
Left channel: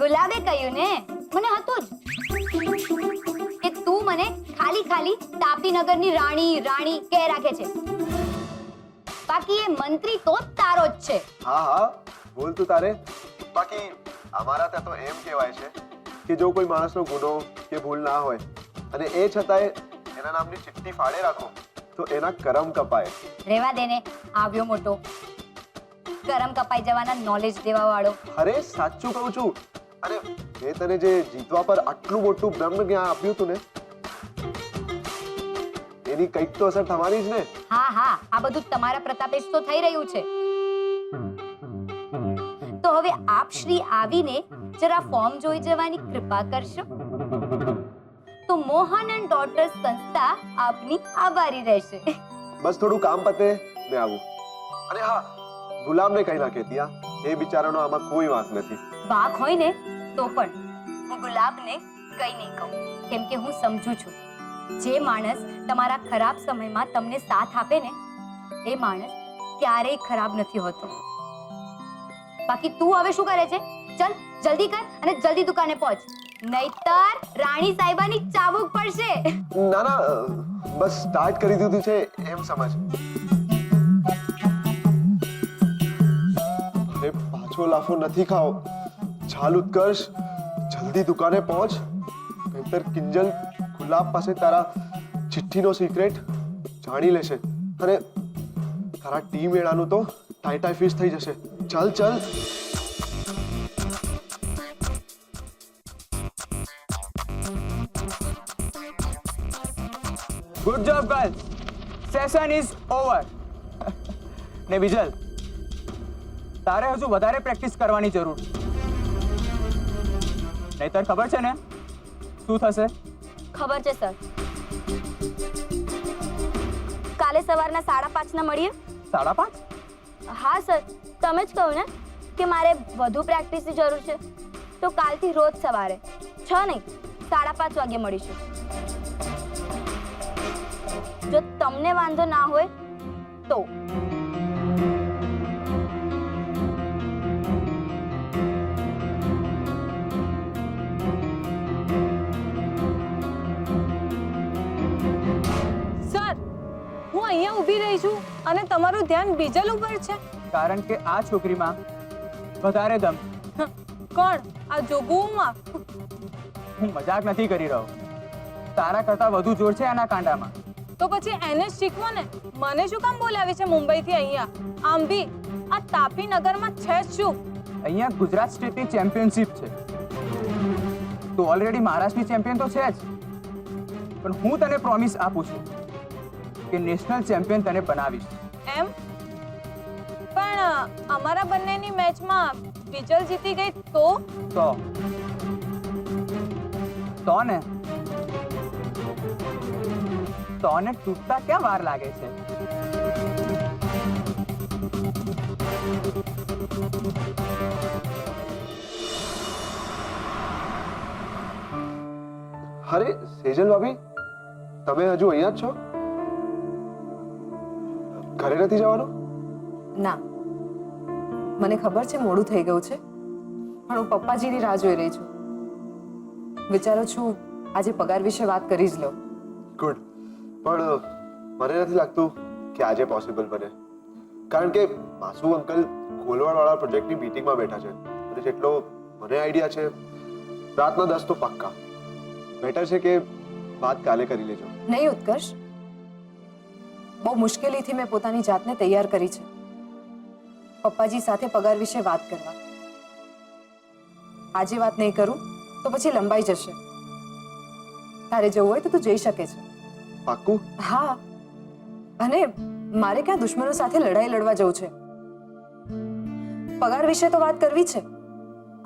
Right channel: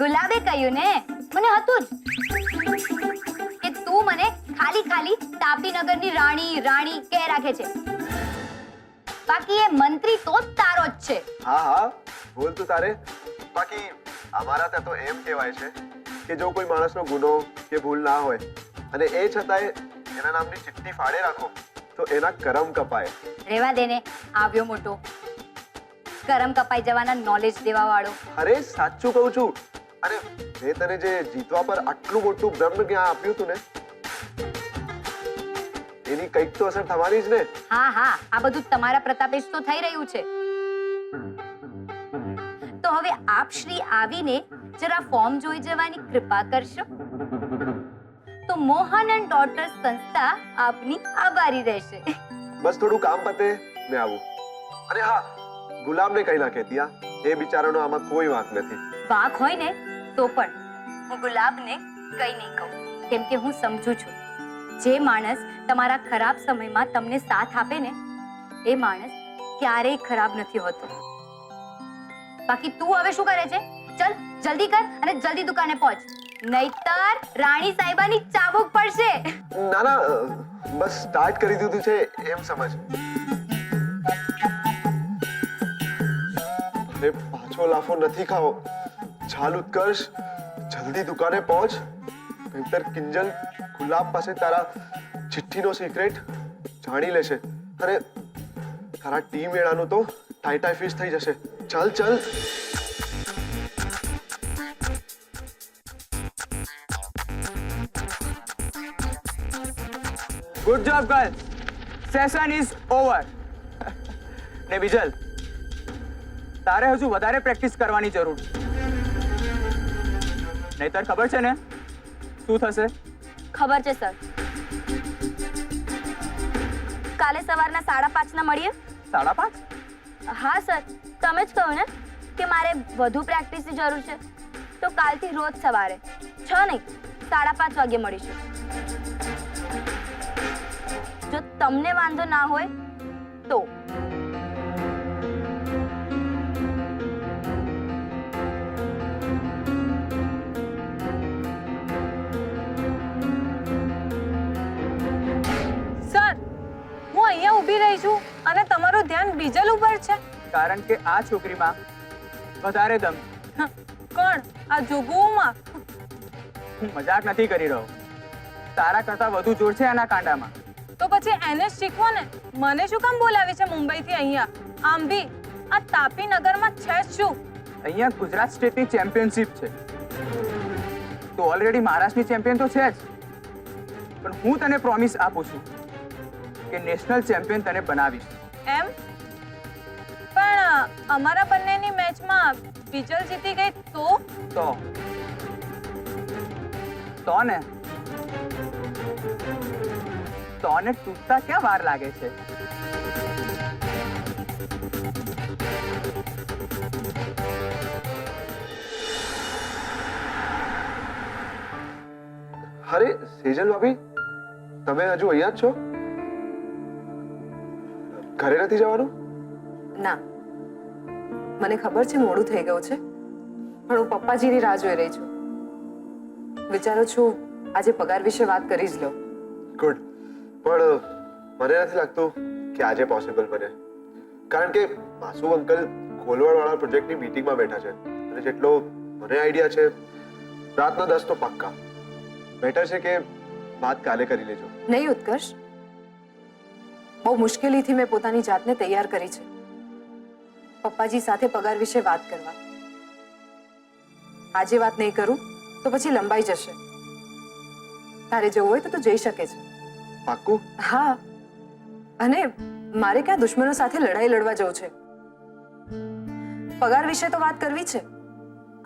ગુલાબે કહ્યું ને, મને હતું જ કે તું મને ખાલી ખાલી તાપીનગરની રાણી રાણી કહે રાખે છે. બાકી એ મંત્રી તો તારો જ છે. હા હા, બોલ તું તારે. બાકી અમારા ત્યાં તો એમ કહેવાય છે કે જો કોઈ માણસનો ગુનો કે ભૂલ ના હોય અને એ છતાંય એના નામની ચિઠ્ઠી ફાડે રાખો તો એના કરમ કપાય. રેવા દેને, આવ્યો મોટો કરમ કપાઈ જવાના નોલેજ દેવા વાળો. અરે સાચું કહું છું. અને મેં તને જે જીતવા પર આટલું મોટું બ્રહ્મ જ્ઞાન આપ્યું હતું ને, એની કંઈક તો અસર થવાની જ ને. હા હા, આ બધું તમારા પ્રતાપે જ તો થઈ રહ્યું છે. તો હવે આપ શ્રી આવીને જરા ફોર્મ જોઈ જવાની કૃપા કરશો તો મોહન એન્ડ ડોટર સંસ્થા આપની આભારી રહેશે. બસ થોડું કામ પતે ને આવું. અને હા, ગુલામને કઈ ના કહેતી. હા, એ બિચારાનો આમાં કોઈ વાંક નથી. વાંક હોય ને તો પણ હું ગુલાબને કઈ નહીં કહું, કેમ કે હું સમજુ છું જે માણસ તમારા ખરાબ સમયમાં તમને સાથ આપે ને એ માણસ ક્યારેય ખરાબ નથી હોતો. બાકી તું હવે શું કરે છે? ચલ જલ્દી કર અને જલ્દી દુકાને પહોંચ, નહીતર રાણી સાહેબાની ચાબુક પડશે. ના ના, બસ સ્ટાર્ટ કરી દીધું છે એમ સમજ. અરે પાછો લાફો નથી ખાઓ. ચાલ ઉત્કર્ષ, જલ્દી દુકાને પહોંચ, નહીતર કિંજલ ગુલાબ પાસે તારા ચિઠ્ઠીનો સિક્રેટ જાણી લેશે અને તારા ટી મેળાનું તો ટાઈ ફિશ થઈ જશે. ચાલ ચાલ. Good job girls, session is over. ને બીજલ, તારે હજુ વધારે પ્રેક્ટિસ કરવાની જરૂર, નહીતર ખબર છે ને શું થશે? ખબર છે સર. કાલે સવારના 5:30 મળીએ. 5:30? હા સર, તમે જ કહ્યું ને કે મારે વધુ પ્રેક્ટિસની જરૂર છે, તો કાલથી રોજ સવારે 6 નહીં 5:30 વાગે મળીશું. જો તમને વાંધો ના હોય તો. સર, હું અહીંયા ઊભી રહી છું અને તમારું ધ્યાન બીજલ ઉપર છે. કારણ કે આ છોકરીમાં વધારે દમ. કોણ? આ જોગુમાં? હું મજાક નથી કરી રહ્યો, તારા કરતા વધુ જોર છે એના કાંડામાં. તો પછી એને જ શીખવો ને. મને શું કામ બોલાવી છે મુંબઈથી અહીંયા? આમ બી આ તાપીનગરમાં છે જ શું? અહીંયા ગુજરાત સ્ટેટની ચેમ્પિયનશિપ છે, તો ઓલરેડી મહારાષ્ટ્રની ચેમ્પિયન તો છે જ, પણ હું તને પ્રોમિસ આપું છું કે નેશનલ ચેમ્પિયન તને બનાવીશ. એમ? પણ અમારા બંનેની મેચમાં બીજલ જીતી ગઈ તો? તો ને તોને તૂટતા ક્યાં વાર લાગે છે? અરે સેજલ ભાભી, તમે હજુ અહીંયા જ છો? ઘરે નથી જવાનું? ના, મને ખબર છે મોડું થઈ ગયું છે, પણ હું પપ્પાજીની રાહ જોઈ રહી છું. વિચારું છું આજે પગાર વિશે વાત કરી જ લઉં. ગુડ. પણ મને નથી લાગતું કે આજે પોસિબલ બને, કારણ કે માસુ અંકલ ખોલવાડવાળા પ્રોજેક્ટની મીટિંગમાં બેઠા છે અને જેટલો મને આઈડિયા છે રાતના 10 તો પાક્કા. બેટર છે કે વાત કાલે કરી લેજો. નહીં ઉત્કર્ષ, બહુ મુશ્કેલીથી મેં પોતાની જાતને તૈયાર કરી છે પપ્પાજી સાથે પગાર વિશે વાત કરવા. આજે વાત નહીં કરું તો પછી લંબાઈ જશે. તારે જવું હોય તો તું જઈ શકે છે. પાક્કું? હા, અને મારે ક્યાં દુશ્મનો સાથે લડાઈ લડવા જવું છે. પગાર વિશે તો વાત કરવી છે,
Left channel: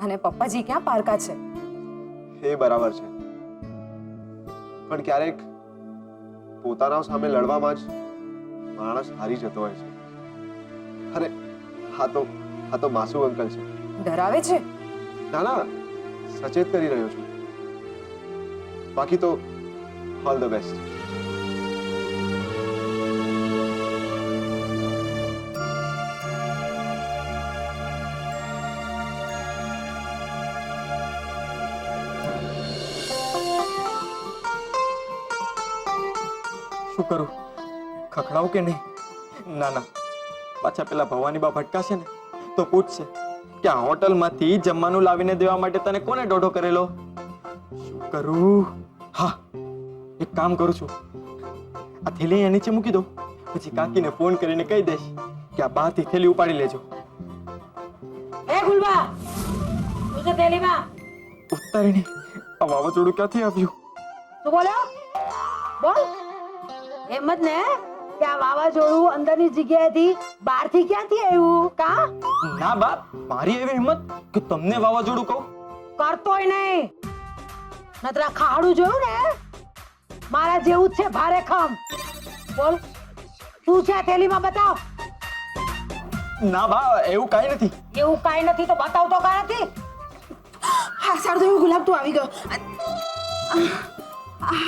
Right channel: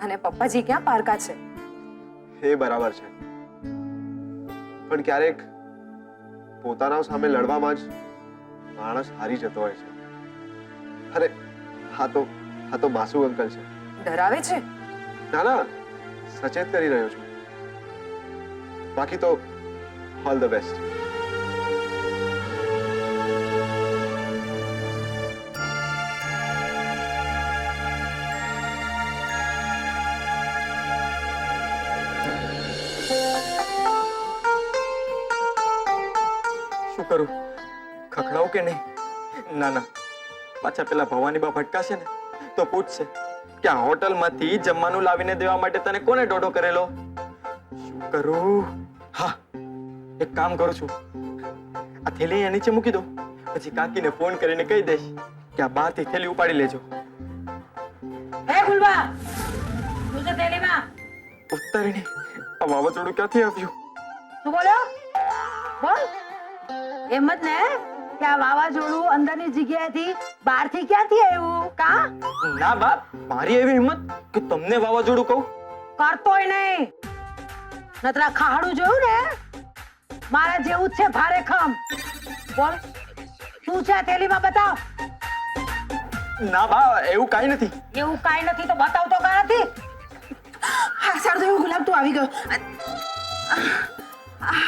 અને પપ્પાજી ક્યાં પારકા છે. એ બરાબર છે, પણ ક્યારેક પોતાના સામે લડવામાં જ માણસ હારી જતો હોય છે. અરે હા તો માસુ અંકલ છે. ડરાવે છે? ના ના, સચેત કરી રહ્યો છું. બાકી તો ઓલ ધ બેસ્ટ. શું કરું? ખખડાવું કે નહીં? ના ના, પાછા પેલા ભવાની બા ભટકાશે ને તો પૂછશે કે આ હોટલમાંથી જમવાનું લાવીને દેવા માટે તને કોને દોઢો કરેલો. શું કરું? હા, એક કામ કરું છું, આ થેલી અહીંયા નીચે મૂકી દો, પછી કાકીને ફોન કરીને કહી દઈશ કે આ બહારથી થેલી ઉપાડી લેજો. હે ગુલબા, શું છે થેલીમાં? ઉતારીને આ વાવાઝોડું ક્યાંથી આવ્યું? શું બોલ્યો? બોલ. એમ જ ને કે આ વાવાઝોડું અંદરની જગ્યાએથી બહારથી ક્યાંથી આવ્યું? કા ના બાપ, મારી એવી હિંમત કે તમને વાવાઝોડું કહું? કરતોય નહીં. નતર આ ખાડું જોયું ને, મારા જેવું જ છે ભારે ખમ. બોલ, શું છે આ થેલીમાં? બતાવ. ના બા, એવું કાંઈ નથી. એવું કાંઈ નથી તો બતાવ તો કા નથી? હા સારું થયું ગુલાબ, તું આવી ગયો.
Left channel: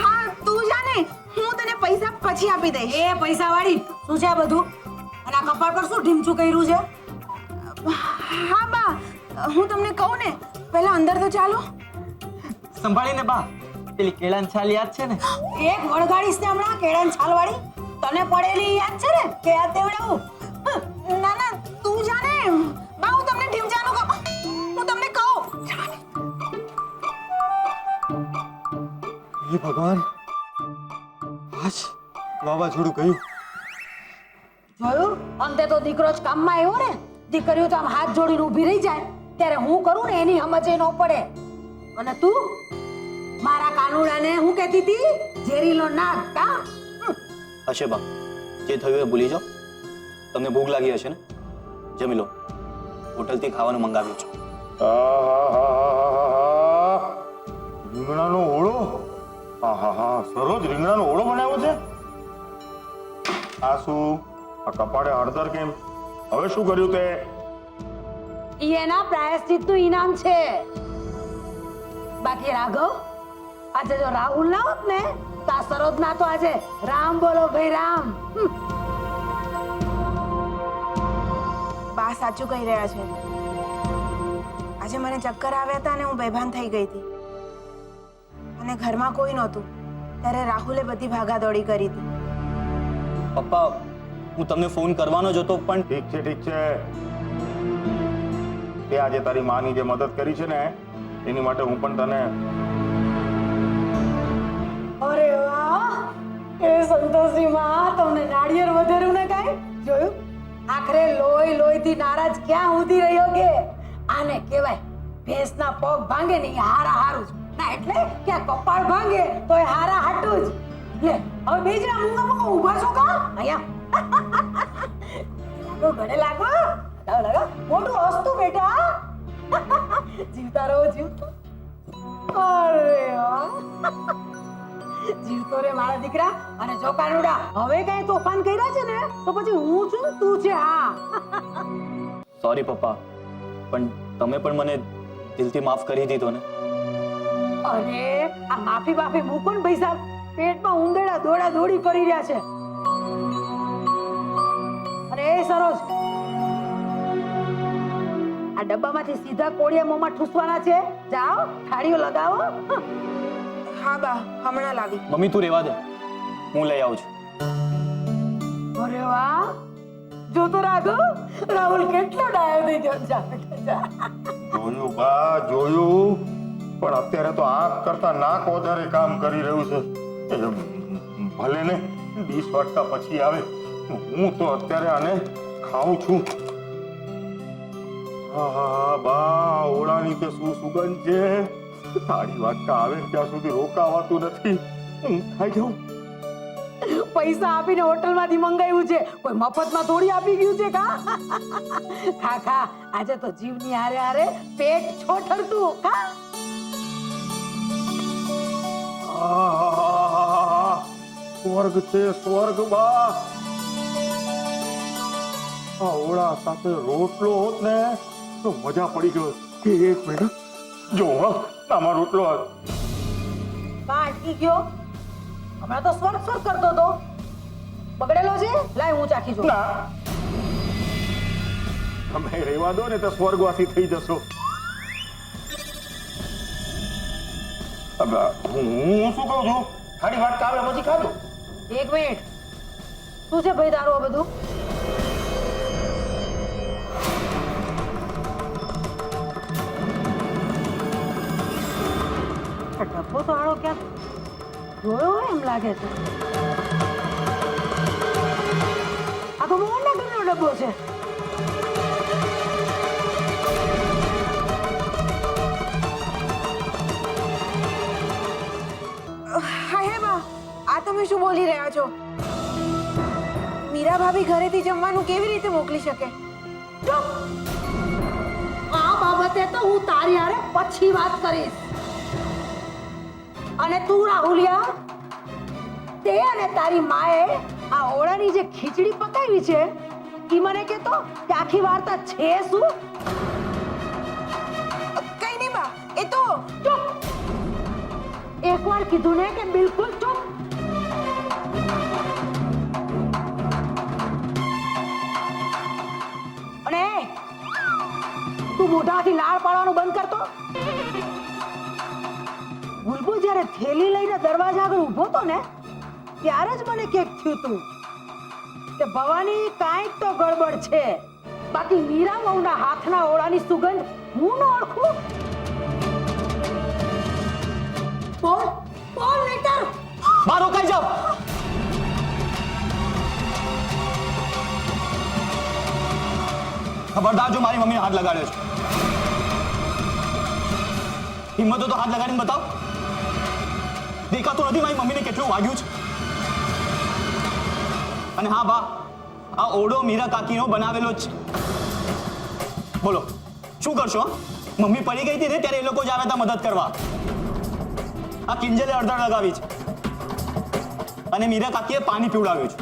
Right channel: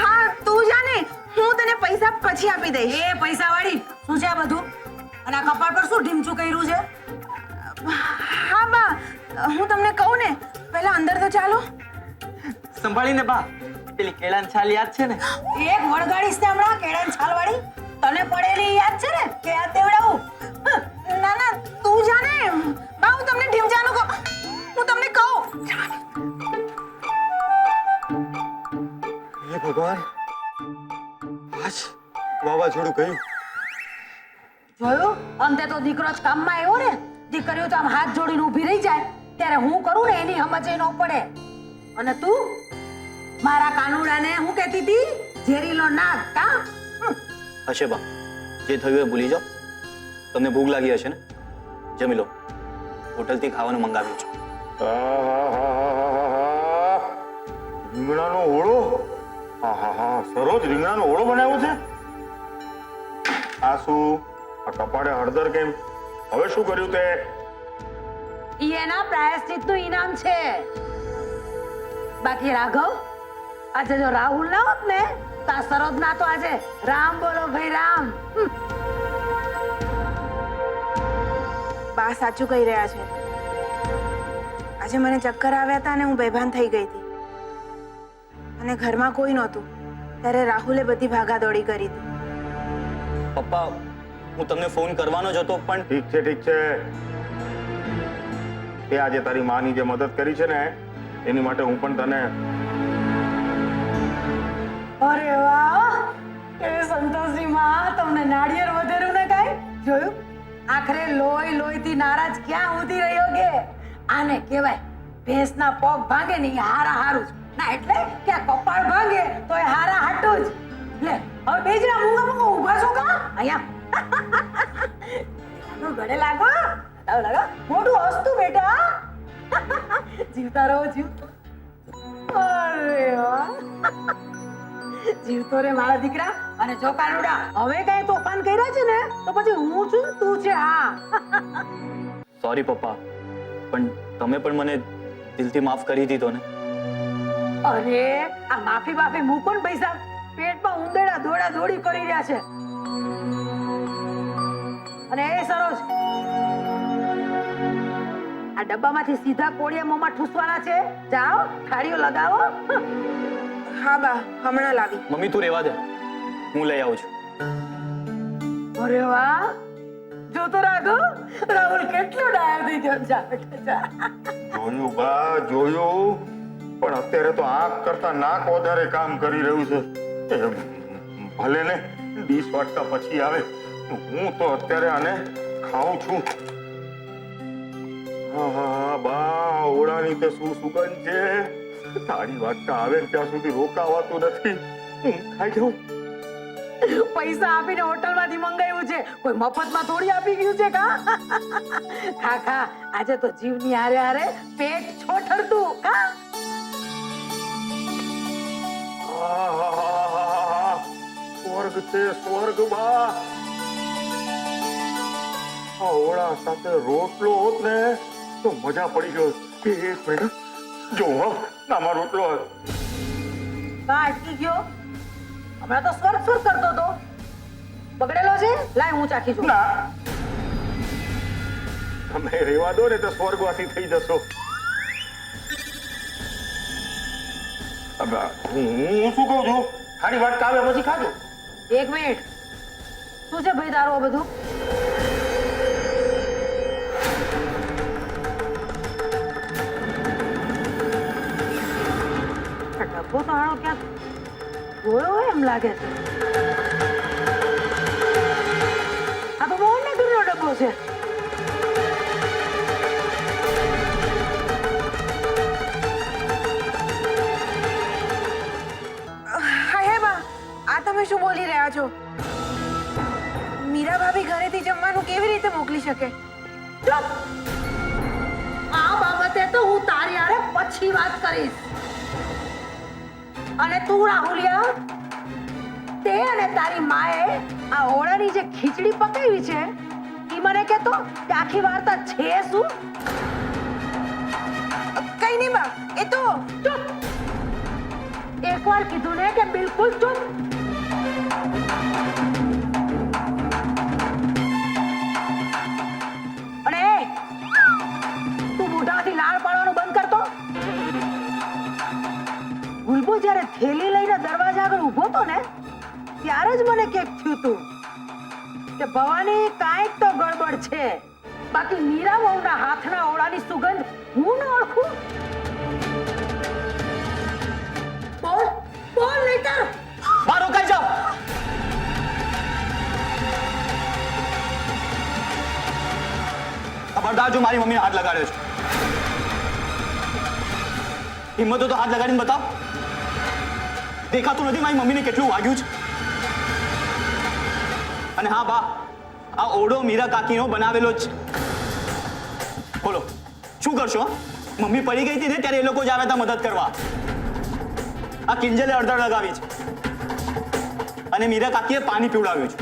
હા તું જાને, હું તને પૈસા પછી આપી દઈશ. એ પૈસા વાળી શું છે આ બધું? અને આ કપાળ પર શું ઢીમચું કર્યું છે? હા બા, હું તમને કહું ને, પહેલા અંદર તો ચાલો. સંભાળીને બા, પેલી કેળાની છાલ યાદ છે ને? એક વળગાડીશ ને હમણાં કેળાની છાલ વાળી. તને પડેલી યાદ છે ને કે યાદ દેવડાવું? ના ના તું જાને બા, હું તમને ઢીમચાનું કહું, હું તમને કહું. હે ભગવાન, આજ વાવાઝોડું ગયું. જોયું? અંતે તો દીકરો જ કામમાં આવ્યો ને. દીકરીઓ તો આમ હાથ જોડીને ઊભી રહી જાય ત્યારે હું કરું ને એની સમજે ન પડે. અને તું મારા કાનુડાને હું કહેતી હતી? ઝેરીલો નાગ. કા હશે બા, જે થયું એ ભૂલી જાઓ. તમને ભૂખ લાગી હશે ને? જમી લો, હોટલથી ખાવાનું મંગાવ્યું છે. રીંગણાનો ઓળો? હા, સરોજ રીંગણાનો ઓળો બનાવ્યો છે? આ શું? આ કપાળે હળદર કેમ? હવે શું કર્યું તે? ઈ એના પ્રાયશ્ચિતનું ઇનામ છે. બાકી રાઘવ, આજે જો રાહુલ ના હોત ને તો આ સરોજ ના તો આજે રામ બોલો ભાઈ રામ. બા સાચું કહી રહ્યા છે. આજે મને ચક્કર આવ્યા હતા અને હું બેભાન થઈ ગઈ હતી, અને ઘરમાં કોઈ નહોતું ત્યારે રાહુલે બધી ભાગાદોડી કરી હતી. પપ્પા, હું તમને ફોન કરવાનો જ હતો પણ ઠીક છે. તે આજે તારી માની જે મદદ કરી છે ને, એની માટે હું પણ તને. અરે વાહ, એ સંતોષી માં, તમને નાળિયેર વધેરું ને કાઈ જોયું? આખરે લોહીથી નારાજ ક્યાં ઉધી રહ્યો કે? આને કહેવાય ભેંસના પગ ભાંગે ને ઈ હારા હારું જ. ના એટલે કે આ કપાળ ભાંગે તો એ હારા હાટું જ. લે હવે બેજરા મૂંગા ઊભા છો કા? અહીંયા ગળે લાગો. લાગો મોટું હસતું બેટા. જીવતા રહો, જીવતા. અરે વાહ, જીવતો રે મારા દીકરા. અને જો કાનુડા હવે કઈ તોફાન કર્યા છે ને તો પછી હું છું ને તું છે. હા, સોરી પપ્પા, પણ તમે પણ મને દિલથી માફ કરી દીધો ને. અરે આ માફી મૂકો ને ભાઈ સાહેબ. પેટમાં ઉંદરડા દોડા દોડી કરી રહ્યા છે. અને એ સરોજ, આ ડબ્બામાંથી સીધા કોળિયા મોંમાં ઠૂસવાના છે. જાઓ, થાળીઓ લગાવો. હા બા, હમણાં લાવી. મમ્મી તું રહેવા દે, હું લઈ આવું છું. અરે વાહ, જો તો રાઘવ, રાહુલ કેટલો ડાયો થઈ ગયો. જા બેટા જા. જોયું બા, જોયું. પણ અત્યારે તો આંખ કરતા નાક વધારે કામ કરી રહ્યું છે. એ ભલે ને ડીશ વાટતા પછી આવે, હું તો અત્યારે આને ખાઉં છું. હા હા હા બા, ઓળાની તે શું સુગંધ છે. થાળી વાટતા આવે ને ત્યાં સુધી રોકાવાતું નથી. હું ખાઈ જાઉં. પૈસા આપીને હોટલમાંથી મંગાવ્યું છે, કોઈ મફતમાં થોડી આપી ગયું છે કા? ખા ખા, આજે તો જીવની હારે હારે પેટ છોઠરતું કા? આહાહાહાહા. સ્વર્ગ છે, સ્વર્ગ બા. આ ઓળા સાથે રોટલો હોત ને તો મજા પડી ગયો. એક મિનિટ જો, હા આમાં રોટલો. કા અટકી ગયો? હમણાં તો સ્વર્ગ સ્વર્ગ કરતો હતો. બગડેલો છે? લાય હું ચાખી જોઉં. ના, તમે રેવા દો ને તો સ્વર્ગવાસી થઈ જશો. હવે હું શું કહું છું, થાળી વાટ કાવે પછી ખાજો. એક મિનિટ, શું છે ભાઈ તારું આ બધું? આ ડબ્બો તો હાળો ક્યાંક જોયો હોય એમ લાગે છે. આ તો મોહનના ઘરનો ડબ્બો છે. હા હે બા, આ તમે શું બોલી રહ્યા છો? મીરા ભાભી ઘરેથી જમવાનું કેવી રીતે મોકલી શકે? ચૂપ! આ બાબતે તો હું તારી હારે પછી વાત કરીશ. અને તું રાહુલિયા, તે અને તારી માએ આ ઓળાની જે ખીચડી પકાવી છે ઈ મને કહેતો કે આખી વાર્તા છે શું? કઈ નહીં બા, એ તો ચૂપ! એકવાર કીધું ને કે બિલકુલ ચૂપ. અને તું મોઢાથી લાળ પાડવાનું બંધ કરતો. ગુલબો જ્યારે થેલી લઈને દરવાજા આગળ ઊભો તો ને ત્યારે જ મને કેક થયું તું કે ભવાની કાંઈક તો ગડબડ છે. બાકી મીરા વહુના હાથના ઓળાની સુગંધ હું ન ઓળખું? બોલ બોલ નહીતર બહાર રોકાઈ જાઓ. ખબરદાર જો મારી મમ્મીને હાથ લગાડ્યો છે. હિંમત હોય તો હાથ લગાડીને બતાવ. દેખાતું નથી મારી મમ્મીને કેટલું વાગ્યું છે. અને હા બા, આ ઓરડો મીરા કાકીનો બનાવેલો જ છે. બોલો શું કરશો? મમ્મી પડી ગઈ હતી ને ત્યારે એ લોકો જ આવ્યા હતા મદદ કરવા. આ કિંજલે અડધડ લગાવી છે અને મીરા કાકીએ પાણી પીવડાવ્યું છે.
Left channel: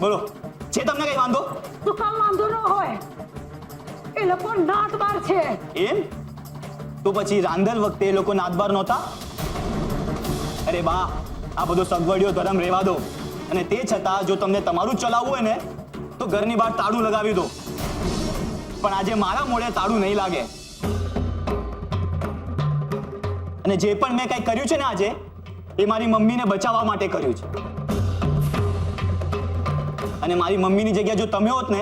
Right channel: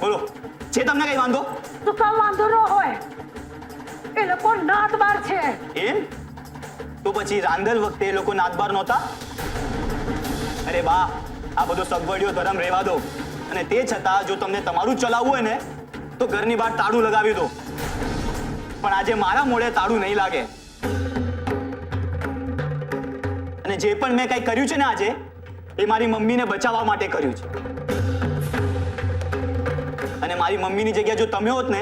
બોલો છે તમને કઈ વાંધો? તો કામ વાંધો ન હોય. એ લોકો નાતબાર છે. એમ? તો પછી રાંધલ વખતે એ લોકો નાતબાર નહોતા? અરે બા, આ બધો સગવડિયો ધર્મ રહેવા દો. અને તે છતાં જો તમને તમારું ચલાવવું હોય ને તો ઘરની બહાર તાળું લગાવી દો. પણ આજે મારા મોઢે તાળું નહીં લાગે. અને જે પણ મેં કંઈ કર્યું છે ને આજે, એ મારી મમ્મીને બચાવવા માટે કર્યું છે. અને મારી મમ્મીની જગ્યા જો તમે હોત ને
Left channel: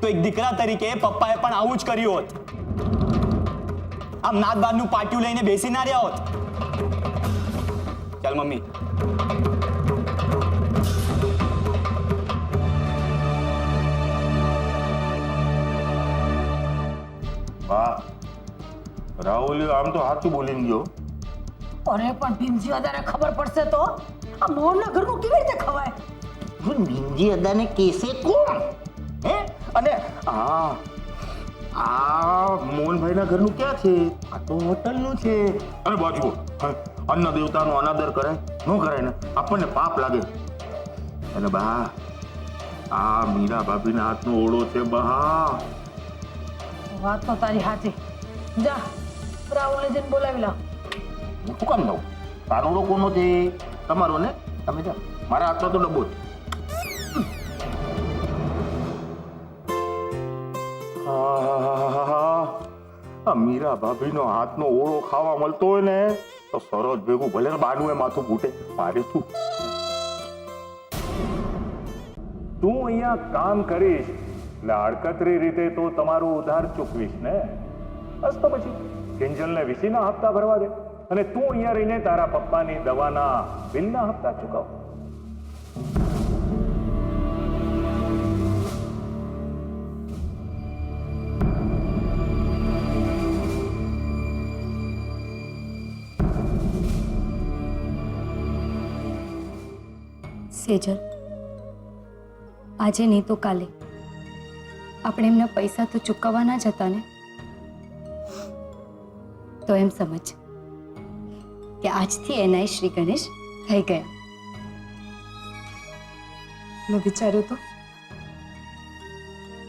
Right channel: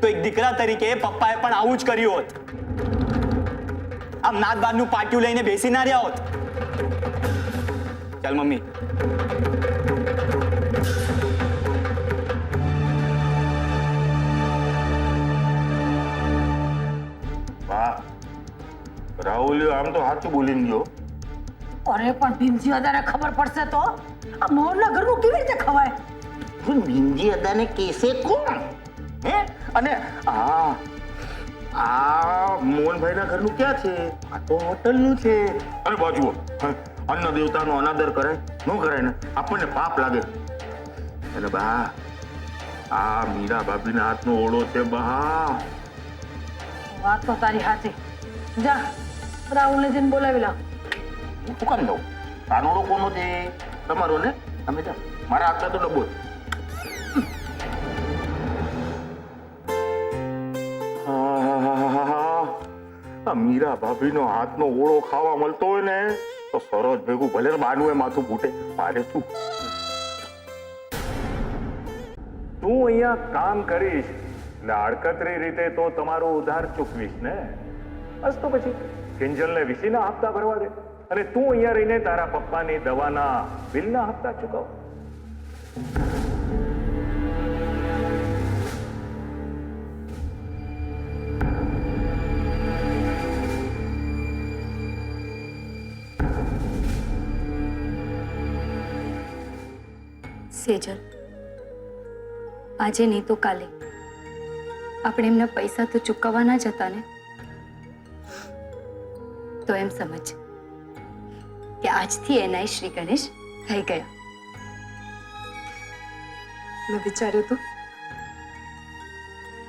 તો એક દીકરા તરીકે પપ્પાએ પણ આવું જ કર્યું હોત. આમ નાત બારનું પાટિયું લઈને બેસી ના રહ્યા હોત. ચાલ મમ્મી. વાહ, રાહુલ આમ તો સાચું બોલીને ગયો. અરે પણ ભીમજી દાદાને ખબર પડશે તો આ મોહનના ઘરનું કેવી રીતે ખવાય? બિંજી અદાને કેસે કોણ? હે? અને આ મોહનભાઈના ઘરનું ક્યાં છે? આ તો હોટલનું છે. અને બાજુ અન્ન દેવતાનો અનાદર કરાય ન કરાય ને આપણને પાપ લાગે. અને બા, આ મીરા ભાભીના હાથનો ઓળો છે બા. વાત તો તારી સાચી. જા રાહુલને જઈને બોલાવી લાવ. હું શું કામ દઉં? તારોડો કોનો છે? તમારો ને? તમે જા. મારા હાથમાં તો ડબ્બો છે. આ મીરા ભાભીનો હાથનો ઓળો ખાવા મળતો હોય ને તો સરોજ ભેગું ભલે ને બાનું એ માથું ફૂટે, મારે શું? તું અહીંયા કામ કરીશ એટલે આડકતરી રીતે તો તમારું ઉધાર ચૂકવીશ ને. બસ તો પછી કિંજલને વીસીના હપ્તા ભરવા દે અને તું અહીંયા રહીને તારા પપ્પાની દવાના બિલના હપ્તા ચૂકવ. સેજલ, આજે નહીં તો કાલે આપણે એમના પૈસા તો ચૂકવવાના જ હતા ને. તો એમ સમજ કે આજથી એનાય શ્રી ગણેશ થઈ ગયા. મેં વિચાર્યું હતું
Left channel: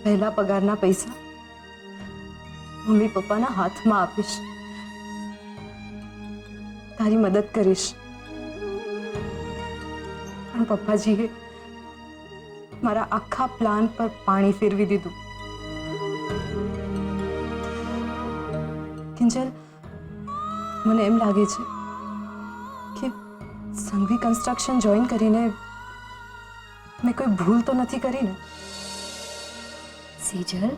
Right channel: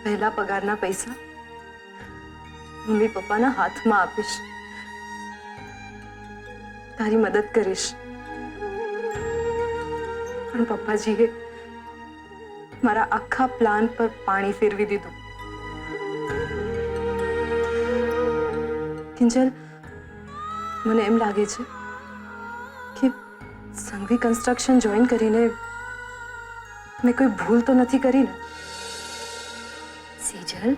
પહેલા પગારના પૈસા મમ્મી પપ્પાના હાથમાં આપીશ, તારી મદદ કરીશ. પણ પપ્પાજીએ મારા આખા પ્લાન પર પાણી ફેરવી દીધું. કિંજલ, મને એમ લાગે છે કે સંઘવી કન્સ્ટ્રક્શન જોઈન કરીને મેં કોઈ ભૂલ તો નથી કરી ને? સેજલ,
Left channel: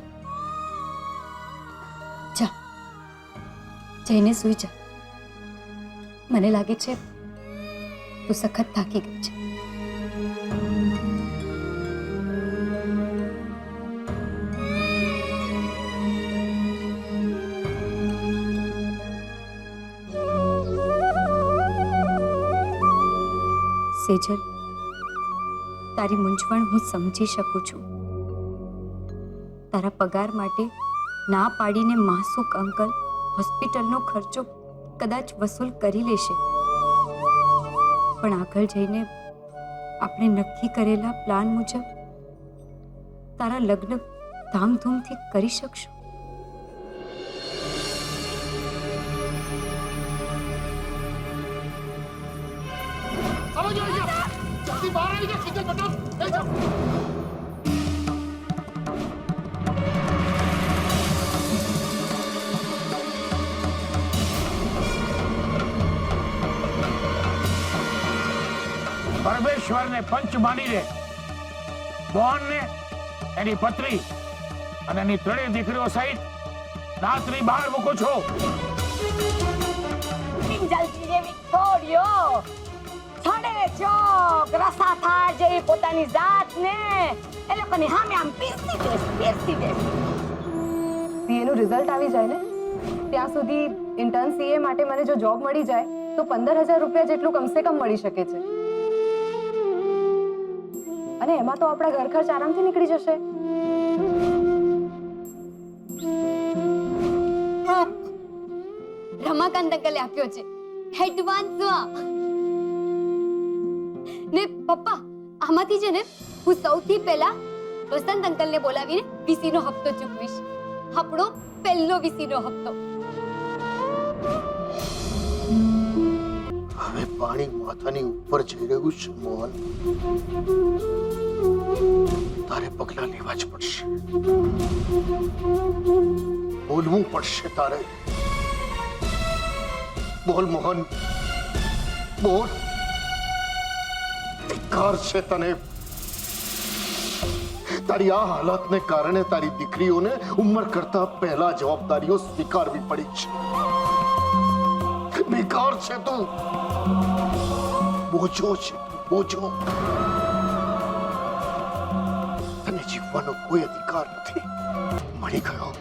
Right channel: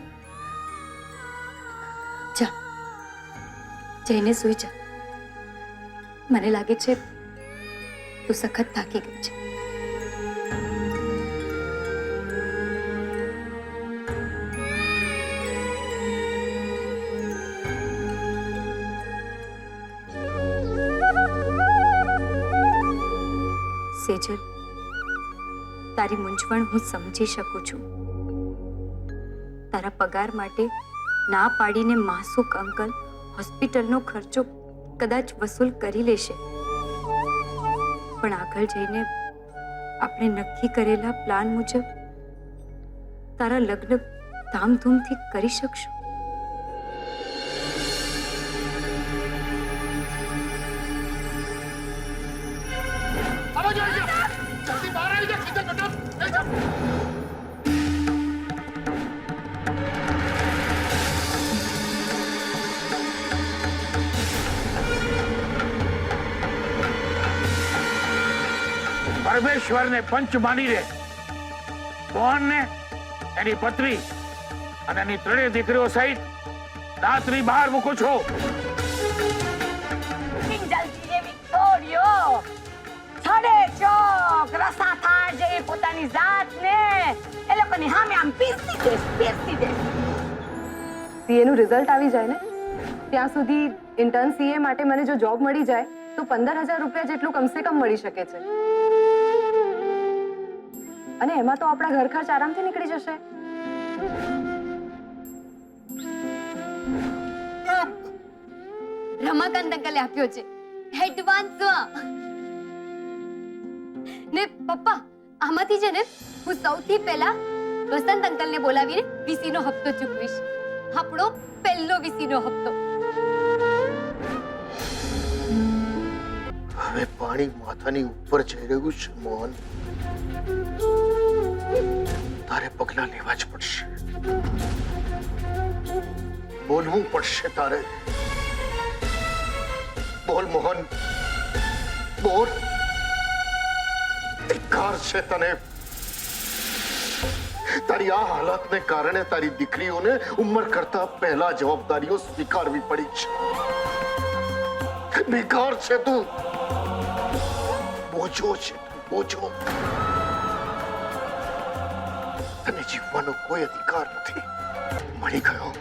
જા જઈને સૂઈ જા. મને લાગે છે તું સખત થાકી ગઈ છે. સેજલ, તારી મૂંઝવણ હું સમજી શકું છું. તારા પગાર માટે ના પાડીને માસૂક અંકલ હોસ્પિટલનો ખર્ચો કદાચ વસૂલ કરી લેશે, પણ આગળ જઈને આપણે નક્કી કરેલા પ્લાન મુજબ તારા લગ્ન ધામધૂમથી કરી શકશું. પરમેશ્વરને પંચ માનીને મોહનને, એની પત્ની અને એની ત્રણેય દીકરીઓ સહિત રાત્રિ બહાર મૂકું છું. કિંજલજી જેવી છોડ્યો છડે ચોક રસા થાળ જેવી પોતાની જાતને એ લોકોની સામે આમ પીરસી દે. સીએનું રિઝલ્ટ આવી જાય ને ત્યાં સુધી ઇન્ટર્ન સીએ માટે મને જો જોબ મળી જાય તો 15,000 રૂપિયા જેટલું કમસે કમ મળી શકે છે, અને એમાં તો આપણા ઘર ખર્ચ આરામથી નીકળી જશે. રમાકાંત અંકલે આપ્યો છે એડવાન્સમાં. ને પપ્પા, આમાંથી છે ને હું સૌથી પહેલા વસંત અંકલને બોલાવીને વીસીનો હપ્તો ચૂકવીશ. આપણો પહેલો વીસીનો હપ્તો. હવે પાણી માથાની ઉપર જઈ રહ્યું છે મોહન. તારે પગલા લેવા જ પડશે, બોલવું પડશે તારે. બોલ મોહન, બોલ. ધિક્કાર છે તને. તારી આ હાલતને કારણે તારી દીકરીઓને ઉંમર કરતા પહેલા જવાબદારીઓ સ્વીકારવી પડી છે. બેકાર છે તું, બોજો છે બોજો. તને જીવવાનો કોઈ અધિકાર નથી. મળી ગયો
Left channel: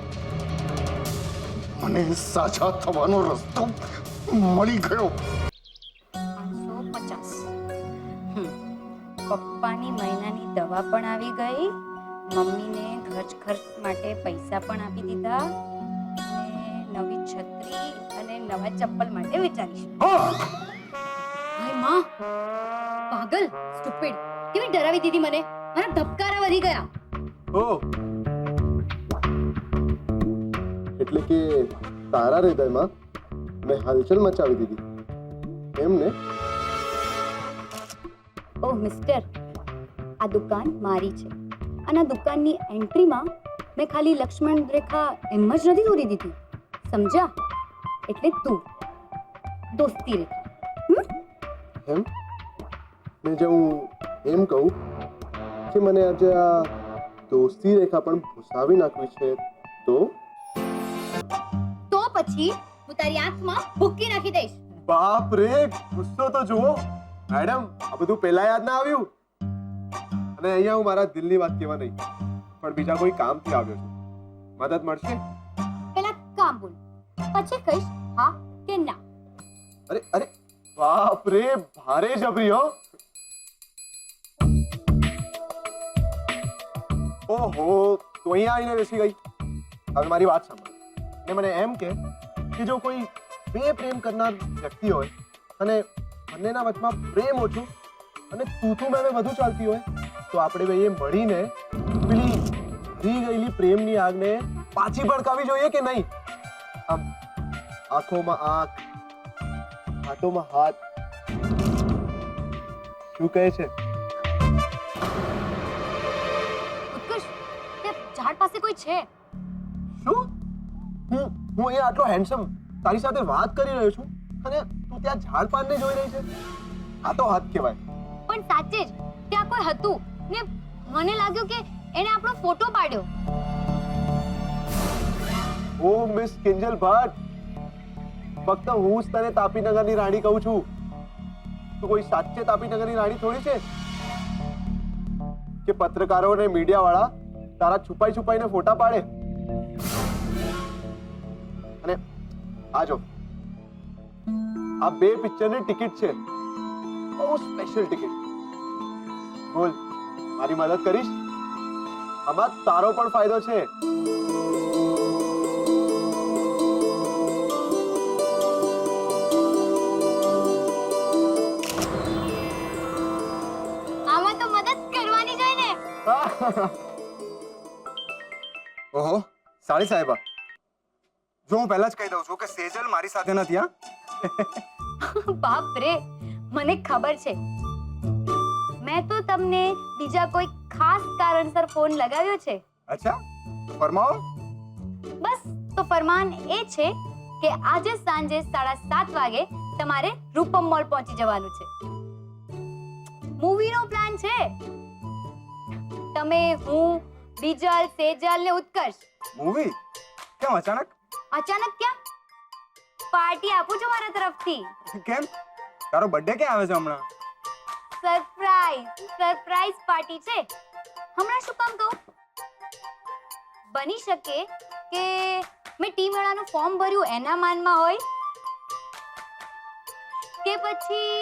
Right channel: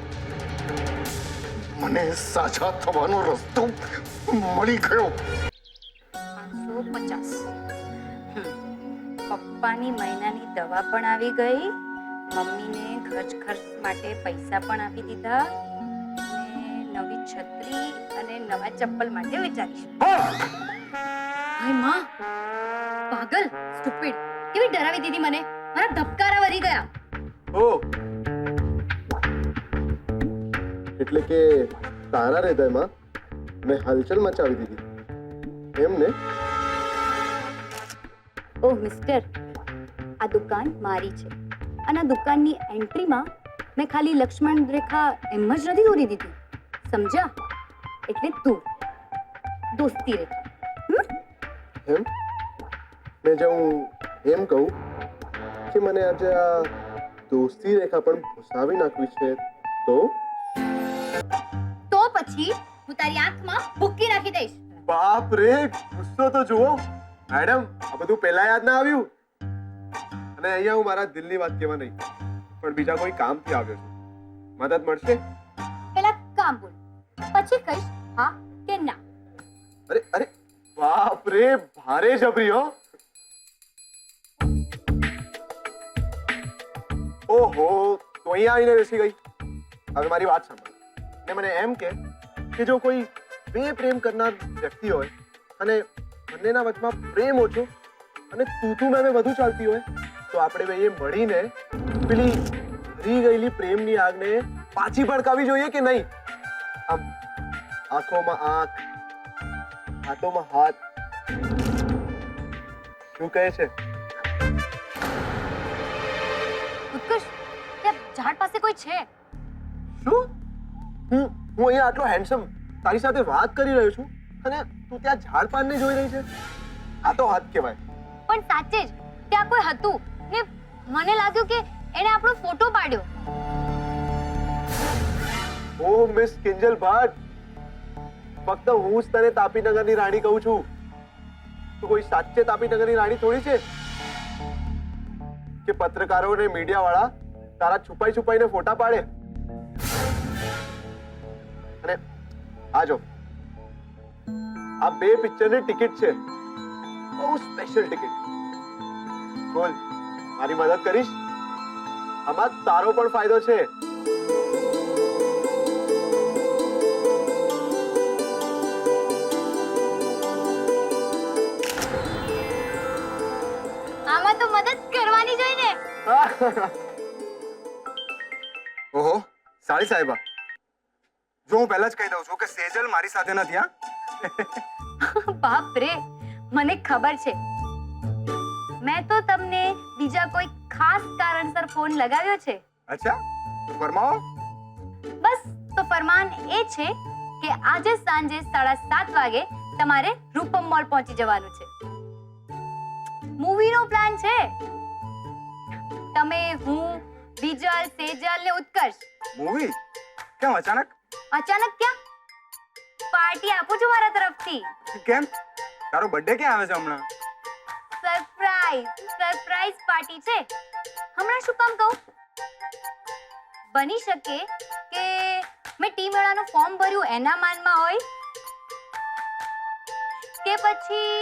મને સાજા થવાનો રસ્તો મળી ગયો. 550. પપ્પાની મહિનાની દવા પણ આવી ગઈ, મમ્મીને ઘર ખર્ચ માટે પૈસા પણ આપી દીધા, અને નવી છત્રી અને નવા ચપ્પલ માટે વિચારીશું. હાય માં, પાગલ, સ્ટુપિડ, કેવી ડરાવી દીધી મને. મારા ધબકારા વધી ગયા. ઓ એટલે કે તારા હૃદયમાં મેં હલચલ મચાવી દીધી એમ ને? ઓહ મિસ્ટર, આ દુકાન મારી છે, અને આ દુકાનની એન્ટ્રીમાં મેં ખાલી લક્ષ્મણ રેખા એમ જ નથી દોરી દીધી. સમજ્યા? એટલે તું દોસ્તી રે. એમ ને જો હું એમ કહું કે મને આજે આ દોસ્તી રેખા પણ ભૂસાવી નાખવી છે તો પછી હું તારી આંખમાં ભૂકી નાખી દઈશ. બાપ રે, ગુસ્સો તો જુઓ મેડમ. આ બધું પહેલા યાદ ના આવ્યું? અને અહીંયા હું મારા દિલની વાત કહેવા નહીં પણ બીજા કોઈ કામથી આવ્યો છું. મદદ મળશે? પહેલા કામ બોલ, પછી કહીશ હા કે ના. અરે અરે બાપ રે, ભારે જબરી હો. ઓહો, તું અહીંયા આવીને બેસી ગઈ. હવે મારી વાત સાંભળ ને મને એમ કે જો કોઈ બે પ્રેમ કરનાર વ્યક્તિ હોય અને બંનેના વચમાં પ્રેમ ઓછો અને તું મેં વધુ ચાલતી હોય તો આપણે બે મળીને પેલી ભરી ગયેલી પ્રેમની આગને પાછી ભડકાવી જોઈએ કે નહીં? આમ આંખોમાં આંખ, હાથોમાં હાથ. શું કહે છે? ઉત્કર્ષ, ત્યાં ઝાડ પાસે કોઈ છે? શું? હું અહીંયા આટલો હેન્ડસમ તારી સાથે વાત કરી રહ્યો છું અને તું ત્યાં ઝાડ પાનને જોઈ રહી છે? આ તો હદ કહેવાય. પણ સાચે જ ત્યાં કોઈ હતું ને મને લાગ્યું કે એને આપણો ફોટો પાડ્યો. ઓહ મિસ કિંજલ ભટ્ટ, ફક્ત હું જ તને તાપીનગરની રાણી કહું છું. તું કોઈ સાચે તાપીનગરની રાણી થોડી છે કે પત્રકારો અને મીડિયા વાળા તારા છુપાઈને ફોટા પાડે. અને આ જો, આ બે પિક્ચરની ટિકિટ છે, બહુ સ્પેશિયલ ટિકિટ. બોલ, મારી મદદ કરીશ? આમાં તારો પણ ફાયદો છે. આમાં તો મદદ કરવાની જોઈએ ને. ઓહો સાળી સાહેબા, જો હું પહેલા જ કહી દઉં છું કે સેજલ મારી સાથે નથી. હા બાપ રે, મને ખબર છે. મેં તો તમને બીજા કોઈ ખાસ કારણસર ફોન લગાવ્યો છે. અચ્છા, ફરમાવો. બસ તો ફરમાન એ છે કે આજે સાંજે 7:30 વાગે તમારે રૂપમ મોલ પહોંચી જવાનું છે. મૂવીનો પ્લાન છે. તમે, હું, બીજલ, સેજલ ને ઉત્કર્ષ. મૂવી? કેમ અચાનક? અચાનક ક્યાં? પાર્ટી આપું છું મારા તરફથી. કેમ? તારો બર્થડે ક્યાં આવે છે હમણાં? સરપ્રાઈઝ પાર્ટી છે. હમણાં શું કામ કહું? બની શકે કે મેં ટીમ મેળાનું ફોર્મ ભર્યું એના માનમાં હોય કે પછી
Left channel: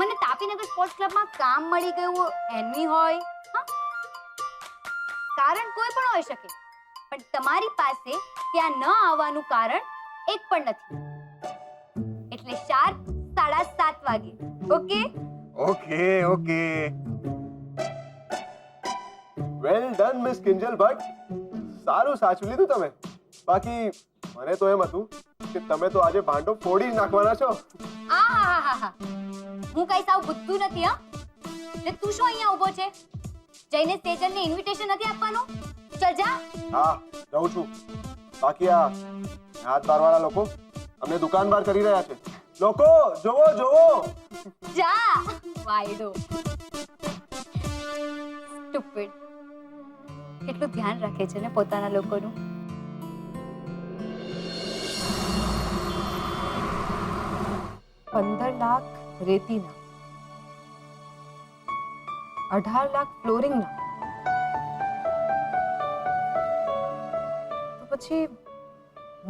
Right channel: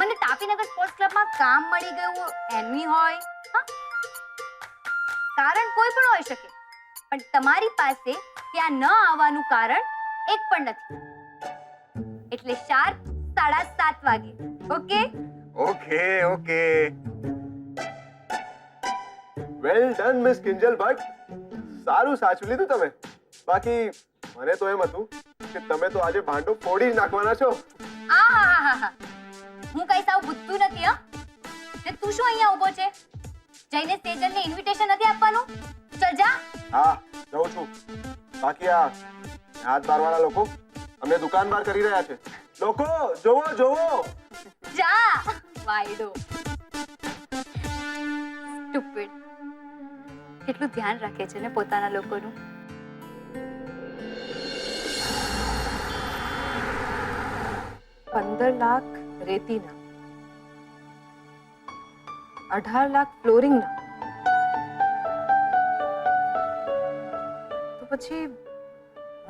મને તાપીનગર સ્પોર્ટ્સ ક્લબમાં કામ મળી ગયું એની હોય. હા, કારણ કોઈ પણ હોઈ શકે, પણ તમારી પાસે ત્યાં ન આવવાનું કારણ એક પણ નથી. એટલે શાર્પ 7:30 વાગે. Okay? Okay okay. Well done miss Kinjal Bhatt, સારું સાચું લીધું તમે. બાકી મને તો એમ હતું કે તમે તો આજે ભાંડો ફોડી જ નાખવાના છો. આહાહાહા, હું કઈ સાવ બુદ્ધુ નથી. હા, ને તું શું અહીંયા ઊભો છે? જઈને સેજલને ઇન્વિટેશન નથી આપવાનું? ચલ જા. હા, જાઉં છું. બાકી આ હાથ બારવાળા લોકો અમને દુકાન બહાર કરી રહ્યા છે. લોકો જોવો જોવો. જા વાયડો. સ્ટુપિડ. કેટલું ધ્યાન રાખે છે ને પોતાના લોકોનું. ₹15 લાખ રેતીના, 18 લાખ ફ્લોરિંગના, તો પછી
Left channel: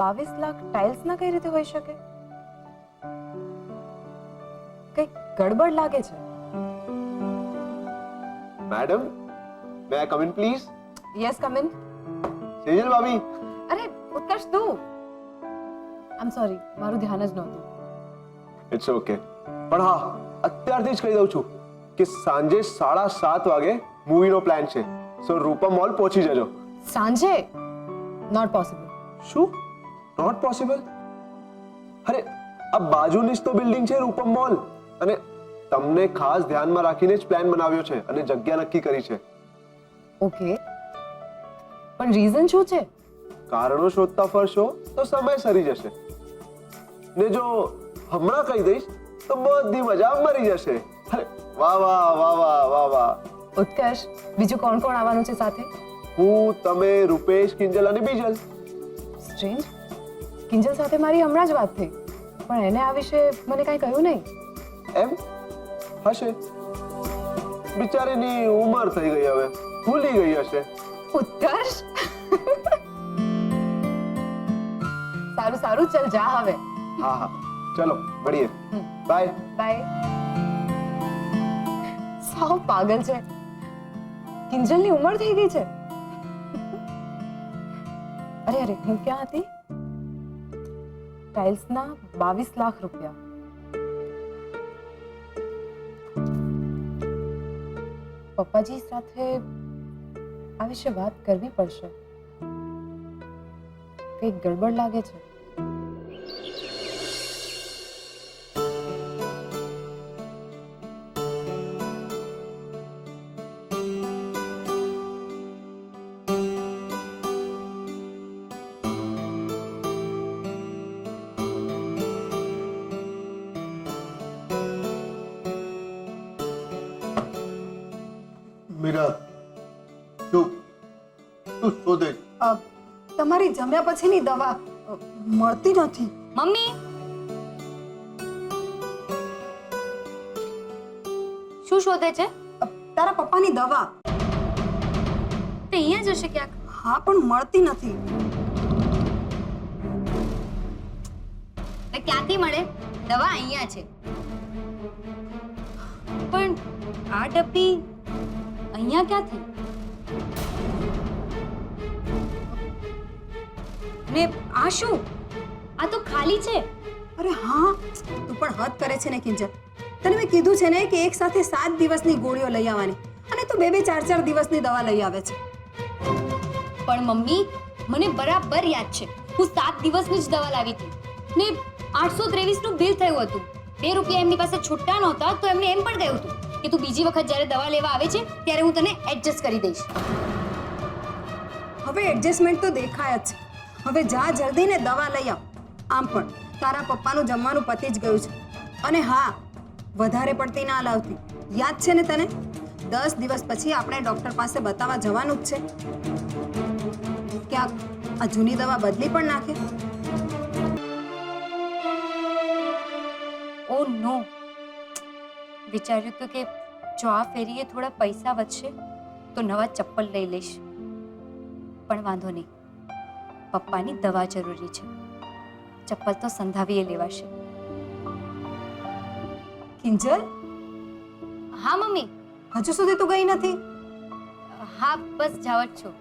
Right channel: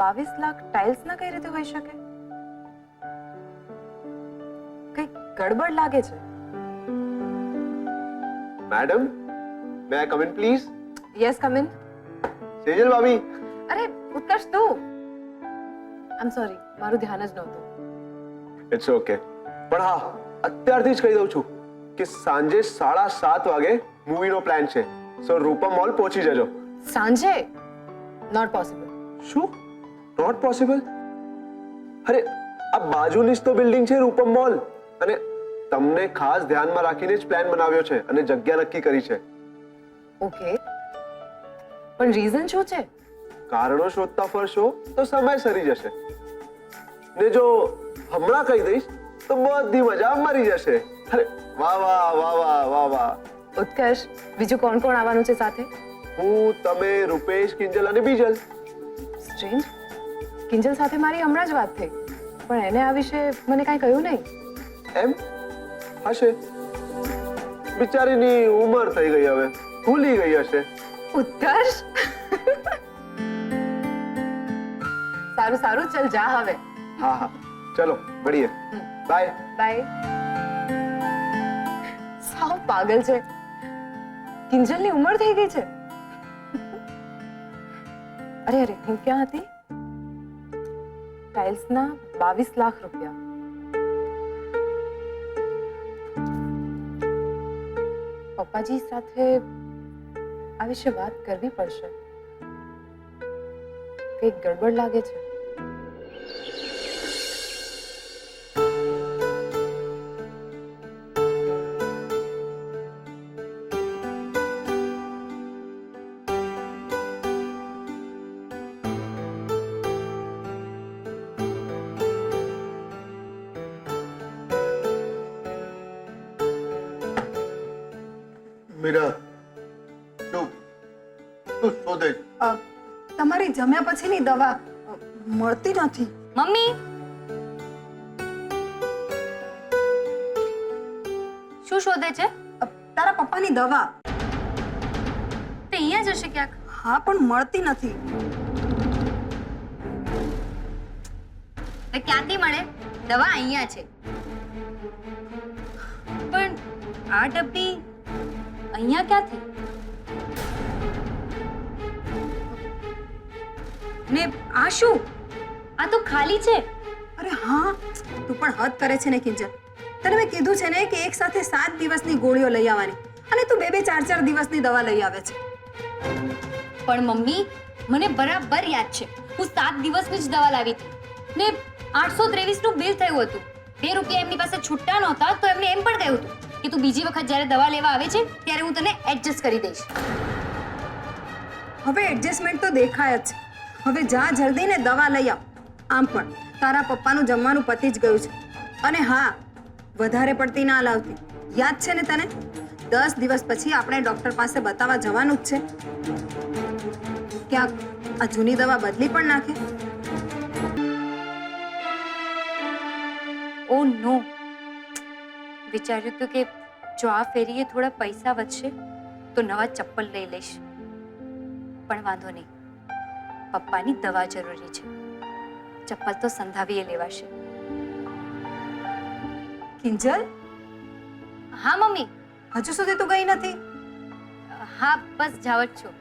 22 લાખ ટાઇલ્સના કઈ રીતે હોઈ શકે? કઈ ગડબડ લાગે છે. Madam, may I come in please? Yes, come in. Sejal ભાભી. અરે ઉત્કર્ષ, તું. આઈ એમ સોરી, મારું ધ્યાન જ નહોતું. It's okay. પણ હા, અત્યારથી જ કહી દઉં છું કે સાંજે 7:30 વાગે મૂવીનો પ્લાન છે. સો રૂપમ મોલ પહોંચી જજો. સાંજે? Not possible. શું નોટ પોસિબલ? અરે આ બાજુની જ તો બિલ્ડિંગ છે રૂપમ મોલ, અને તમને ખાસ ધ્યાનમાં રાખીને જ પ્લાન બનાવ્યો છે અને જગ્યા નક્કી કરી છે. ઓકે, પણ રીઝન શું છે? કારણો શોધતા ફરશો તો સમય સરી જશે, ને જો હમણાં કહી દઈશ તો બધી મજા મરી જશે. અરે વાહ વાહ વાહ વાહ વાહ વાહ. ઉત્કર્ષ, બીજું કોણ કોણ આવવાનું છે સાથે? હું, તમે, રૂપેશ, કિંજલ અને બીજલ. સ્ટ્રેન્જ. કિંજલ સાથે મારી હમણાં જ વાત થઈ, પણ એને આ વિશે મને કાંઈ કહ્યું નહીં. એમ હશે, બિચારીની ઉંમર થઈ ગઈ, હવે ભૂલી ગઈ હશે. ઉત્કર્ષ, સારું સારું, ચલ જા હવે. હા હા, ચલો મળીએ. Bye bye. સાવ પાગલ છે. કિંજલની ઉંમર થઈ ગઈ છે. અરે અરે, હું ક્યાં હતી? ટાઇલ્સના 22 લાખ રૂપિયા. પપ્પાજી સાથે આ વિશે વાત કરવી પડશે. કંઈક ગડબડ લાગે છે. મીરા, શું તું શોધે છે? તમારી જમ્યા પછીની દવા મળતી નથી. મમ્મી, શું શોધે છે? તારા પપ્પાની દવા. તે અહીંયા જ હશે ક્યાંક. હા, પણ મળતી નથી. ક્યાંથી મળે? દવા અહીંયા છે, પણ આ ડબ્બી અહીંયા ક્યાંથી? ને આ શું? આ તો ખાલી છે. અરે હા, તું પણ હદ કરે છે ને કિંજલ. તને મેં કીધું છે ને કે એક સાથે 7 દિવસની ગોળીઓ લઈ આવવાની, અને તું 2-2, 4-4 દિવસની દવા લઈ આવે છે. પણ મમ્મી, મને બરાબર યાદ છે, હું 7 દિવસની જ દવા લાવી હતી ને 823 નું બિલ થયું હતું. 2 રૂપિયા એમની પાસે છૂટા નહોતા, તો એમને એમ પણ કહ્યું હતું કે તું બીજી વખત જ્યારે દવા લેવા આવે છે ત્યારે હું તને એડજસ્ટ કરી દઈશ. હવે એડજસ્ટમેન્ટ તો દેખાય જ છે. હવે જા જલ્દી ને દવા લઈ આવ. આમ પણ તારા પપ્પાનું જમવાનું પતી જ ગયું છે. અને હા, વધારે પડતી ના લાવતી. યાદ છે ને તને? 10 દિવસ પછી આપણે ડોક્ટર પાસે બતાવવા જવાનું જ છે. ક્યાંક આ જૂની દવા બદલી પણ નાખે. ઓ નો, વિચાર્યું હતું કે જો આ ફેરીએ થોડા પૈસા વધશે તો નવા ચપ્પલ લઈ લઈશ, પણ વાંધો નહીં, પપ્પાની દવા જરૂરી છે. ચપ્પલ તો સંધાવીએ લેવાશે. કિંજલ, હા મમ્મી. હજુ સુધી તું ગઈ નથી? હા, બસ જાવ જ છું.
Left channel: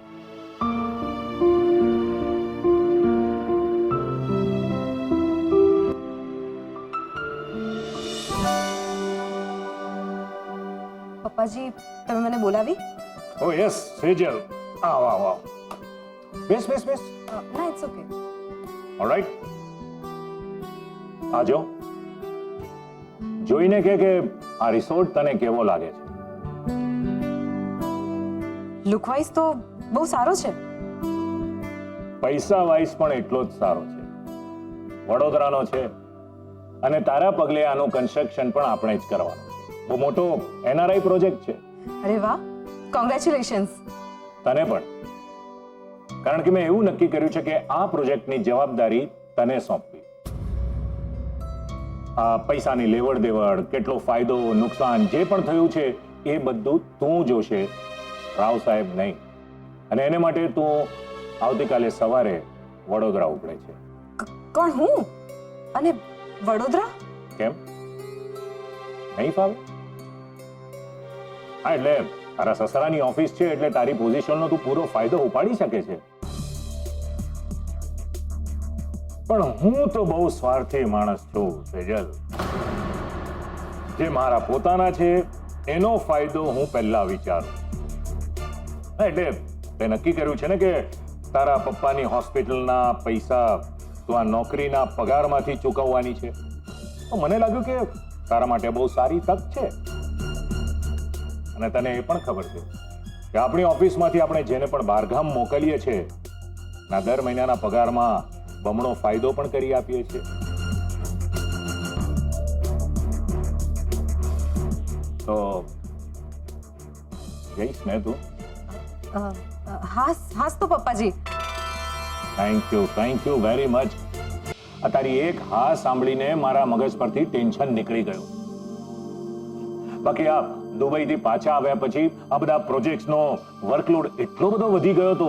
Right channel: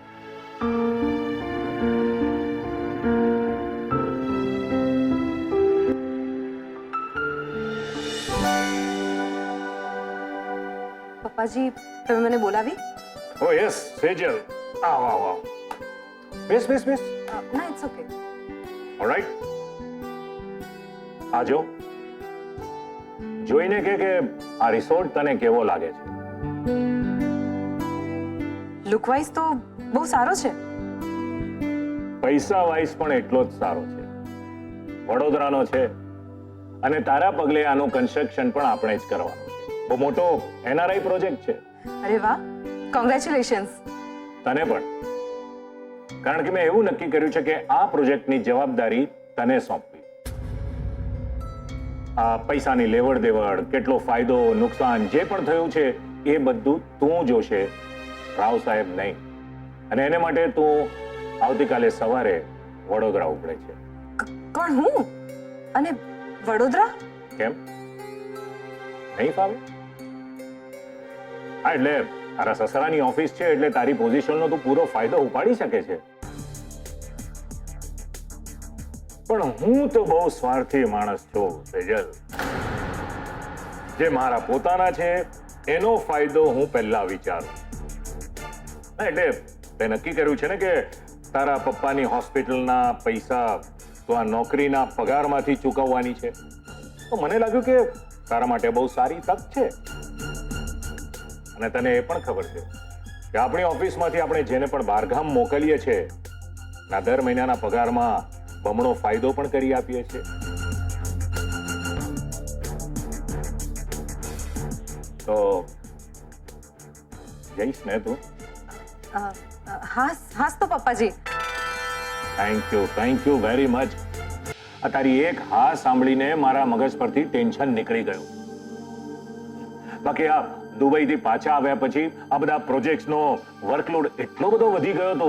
પપ્પાજી, તમે મને બોલાવી? ઓ યસ સેજલ, આવ આવ આવ. બેસ બેસ બેસ. ના, ઇટ્સ ઓકે. ઓલરાઈટ. આજો જોઈને કે આ રિસોર્ટ તને કેવો લાગે છે? લુક વાઇઝ તો બહુ સારો છે. પૈસા વાઇઝ પણ એટલો જ સારો છે. વડોદરાનો છે અને તારા પગલે આનું કન્સ્ટ્રક્શન પણ આપણે જ કરવાનું છે. બહુ મોટો NRI પ્રોજેક્ટ છે. અરે વાહ, કોંગ્રેચ્યુલેશન્સ. તને પણ, કારણ કે મેં એવું નક્કી કર્યું છે કે આ પ્રોજેક્ટની જવાબદારી તને સોંપવી. આ પૈસાની લેવડ દેવડ, કેટલો ફાયદો નુકસાન જે પણ થયું છે એ બધું તું જોશે, રાવ સાહેબ નહીં. અને એને માટે તું આવતીકાલે સવારે વડોદરા ઉપડે છે. કોણ, હું? અને વડોદરા? કેમ નહીં ફાવે? હા, એટલે તારા સસરાની ઓફિસ છે એટલે તારી પોઝિશનનો તું પૂરો ફાયદો ઉપાડી શકે છે. પણ હું તો બહુ સ્વાર્થી માણસ છું સેજલ. જે મારા પોતાના છે એનો ફાયદો હું પહેલા વિચારું. એટલે તે નક્કી કર્યું છે ને કે તારા પપ્પાની હોસ્પિટલના પૈસા તું આ નોકરીના પગારમાંથી ચૂકવવાની છે. તો મને લાગ્યું કે તારા માટે બહુ સારી તક છે. અને તને એ પણ ખબર છે કે આપણી ઓફિસમાંથી આપણે જેને પણ બહારગામ મોકલીએ છીએ ના દર મહિનાના પગારમાં બમણો ફાયદો પણ કરી આપીએ છીએ. તો જઈશ ને તું? હાસ તો પપ્પાજી. Thank you very much. આ તારી એક હા સાંભળીને મારા મગજ પરથી ટેન્શન નીકળી ગયું. બાકી આ દુબઈથી પાછા આવ્યા પછી આ બધા પ્રોજેક્ટ્સનો વર્કલોડ એટલો બધો વધી ગયો હતો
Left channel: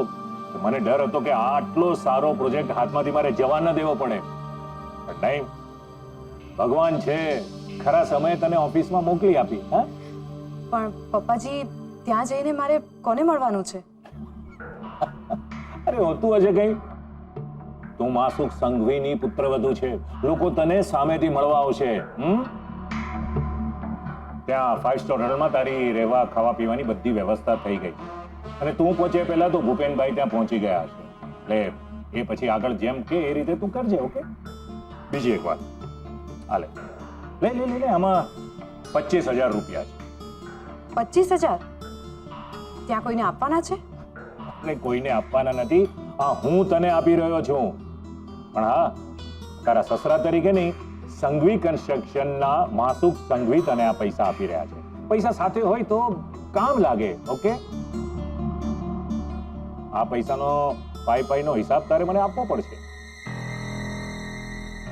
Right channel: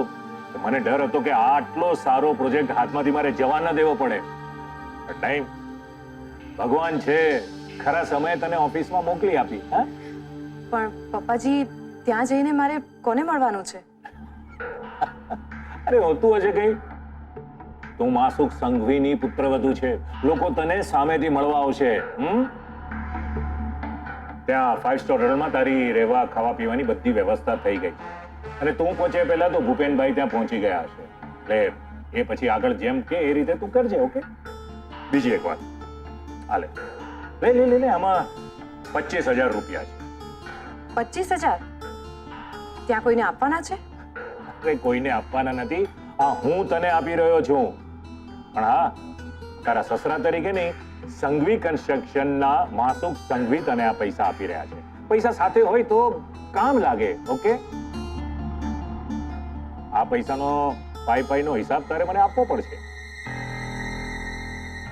કે મને ડર હતો કે આટલો સારો પ્રોજેક્ટ હાથમાંથી મારે જવા ન દેવો પડે. ટાઈમ ભગવાન છે, ખરા સમયે તને ઓફિસમાં મોકલી આપી. હા, પણ પપ્પાજી ત્યાં જઈને મારે કોને મળવાનું છે? અરે હોતું હશે કઈ. તું માસુક સંઘવીની પુત્રવધુ છે, લોકો તને સામેથી મળવા આવશે. ત્યાં 5 સ્ટાર હોટલમાં તારી રહેવા ખાવા પીવાની બધી વ્યવસ્થા થઈ ગઈ અને તું પહોંચે પહેલા તો ભૂપેનભાઈ ત્યાં પહોંચી ગયા હશે. એટલે એ પછી આગળ જેમ કે એ રીતે તું કરજે. ઓકે? બીજી એક વાત, હાલે લે આમાં 25,000 રૂપિયા છે. 25,000? ત્યાં કોઈને આપવાના છે? અરે કોઈને આપવાના નથી, આ હું તને આપી રહ્યો છું. પણ હા, તારા સસરા તરીકે નહીં, સંઘવી કન્સ્ટ્રક્શનના માસુક સંઘવી તને આ પૈસા આપી રહ્યા છે. પૈસા સાથે હોય તો કામ લાગે. ઓકે? આ પૈસાનો પાઈનો હિસાબ તારે મને આપવો પડશે.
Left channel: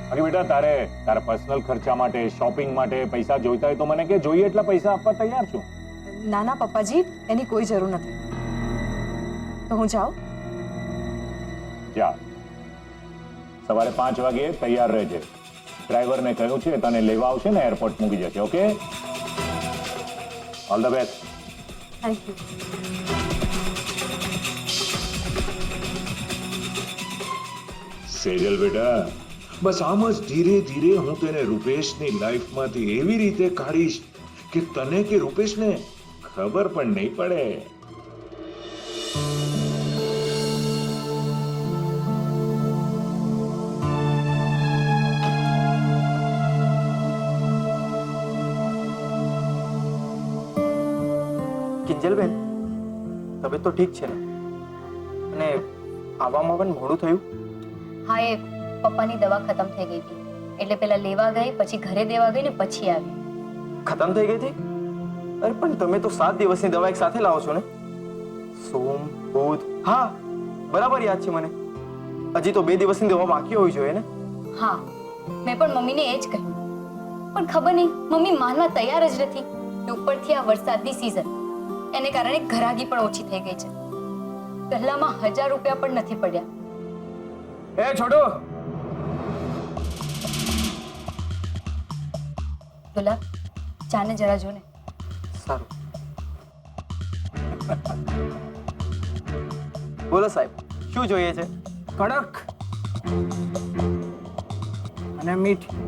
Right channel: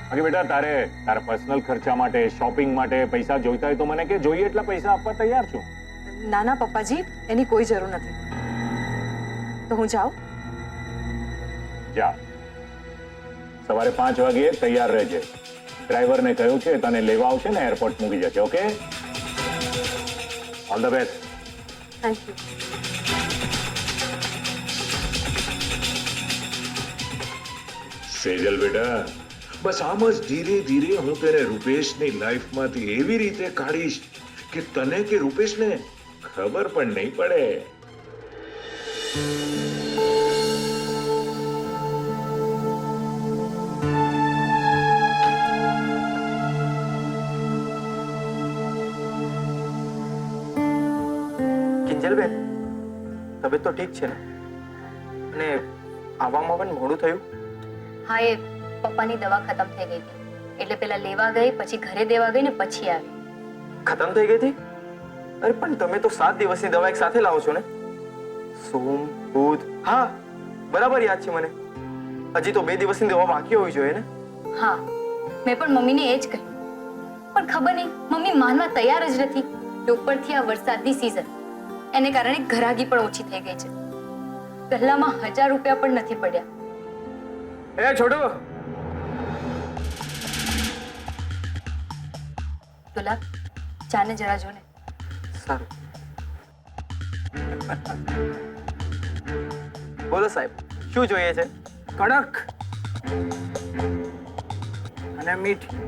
બાકી બેટા તારા પર્સનલ ખર્ચા માટે, શોપિંગ માટે પૈસા જોઈતા હોય તો મને કે જોઈએ એટલા પૈસા આપવા તૈયાર છું. ના પપ્પાજી, એની કોઈ જરૂર નથી. તો હું જાઉં? જા, સવારે 5 વાગે તૈયાર રહેજે. ડ્રાઈવરને કહ્યું છે તને લેવા આવશે ને એરપોર્ટ મૂકી જશે. Okay? All the best. Thank you. Sejal બેટા, બસ આમ જ ધીરે ધીરે હું તેને રૂપેશની લાઈફમાંથી એવી રીતે કાઢીશ કે તને કે રૂપેશને ખબર પણ નહીં પડે. કિંજલબેન, તબિયત તો ઠીક છે ને? અને આવવામાં પણ મોડું થયું? હા, એ પપ્પાની દવા ખતમ થઈ ગઈ હતી એટલે પેલા લેવા ગઈ, પછી ઘરે દેવા ગઈ ને પછી આવી. ખતમ થઈ ગઈ હતી? અરે પણ તમે તો 7 દિવસની દવા એક સાથે લાવો છો ને? સોમ, બુધ, હા બરાબર યાદ છે મને. હજી તો 2 દિવસની દવા બાકી હોવી જોઈએ ને? હા, મેં પણ મમ્મીને એ જ કહ્યું, પણ ખબર નહીં મમ્મી માનવા તૈયાર જ નથી. ઉપરથી આ વરસાદની સિઝન, એને કારણે ઘરાગી પણ ઓછી થઈ ગઈ છે. પહેલામાં 1000 રૂપિયા પણ નથી પડ્યા. એ છોટુ, દુલા, ચાને જરા જો ને. સારું. બોલો સાહેબ, શું જોઈએ છે? કડક અને મીઠી.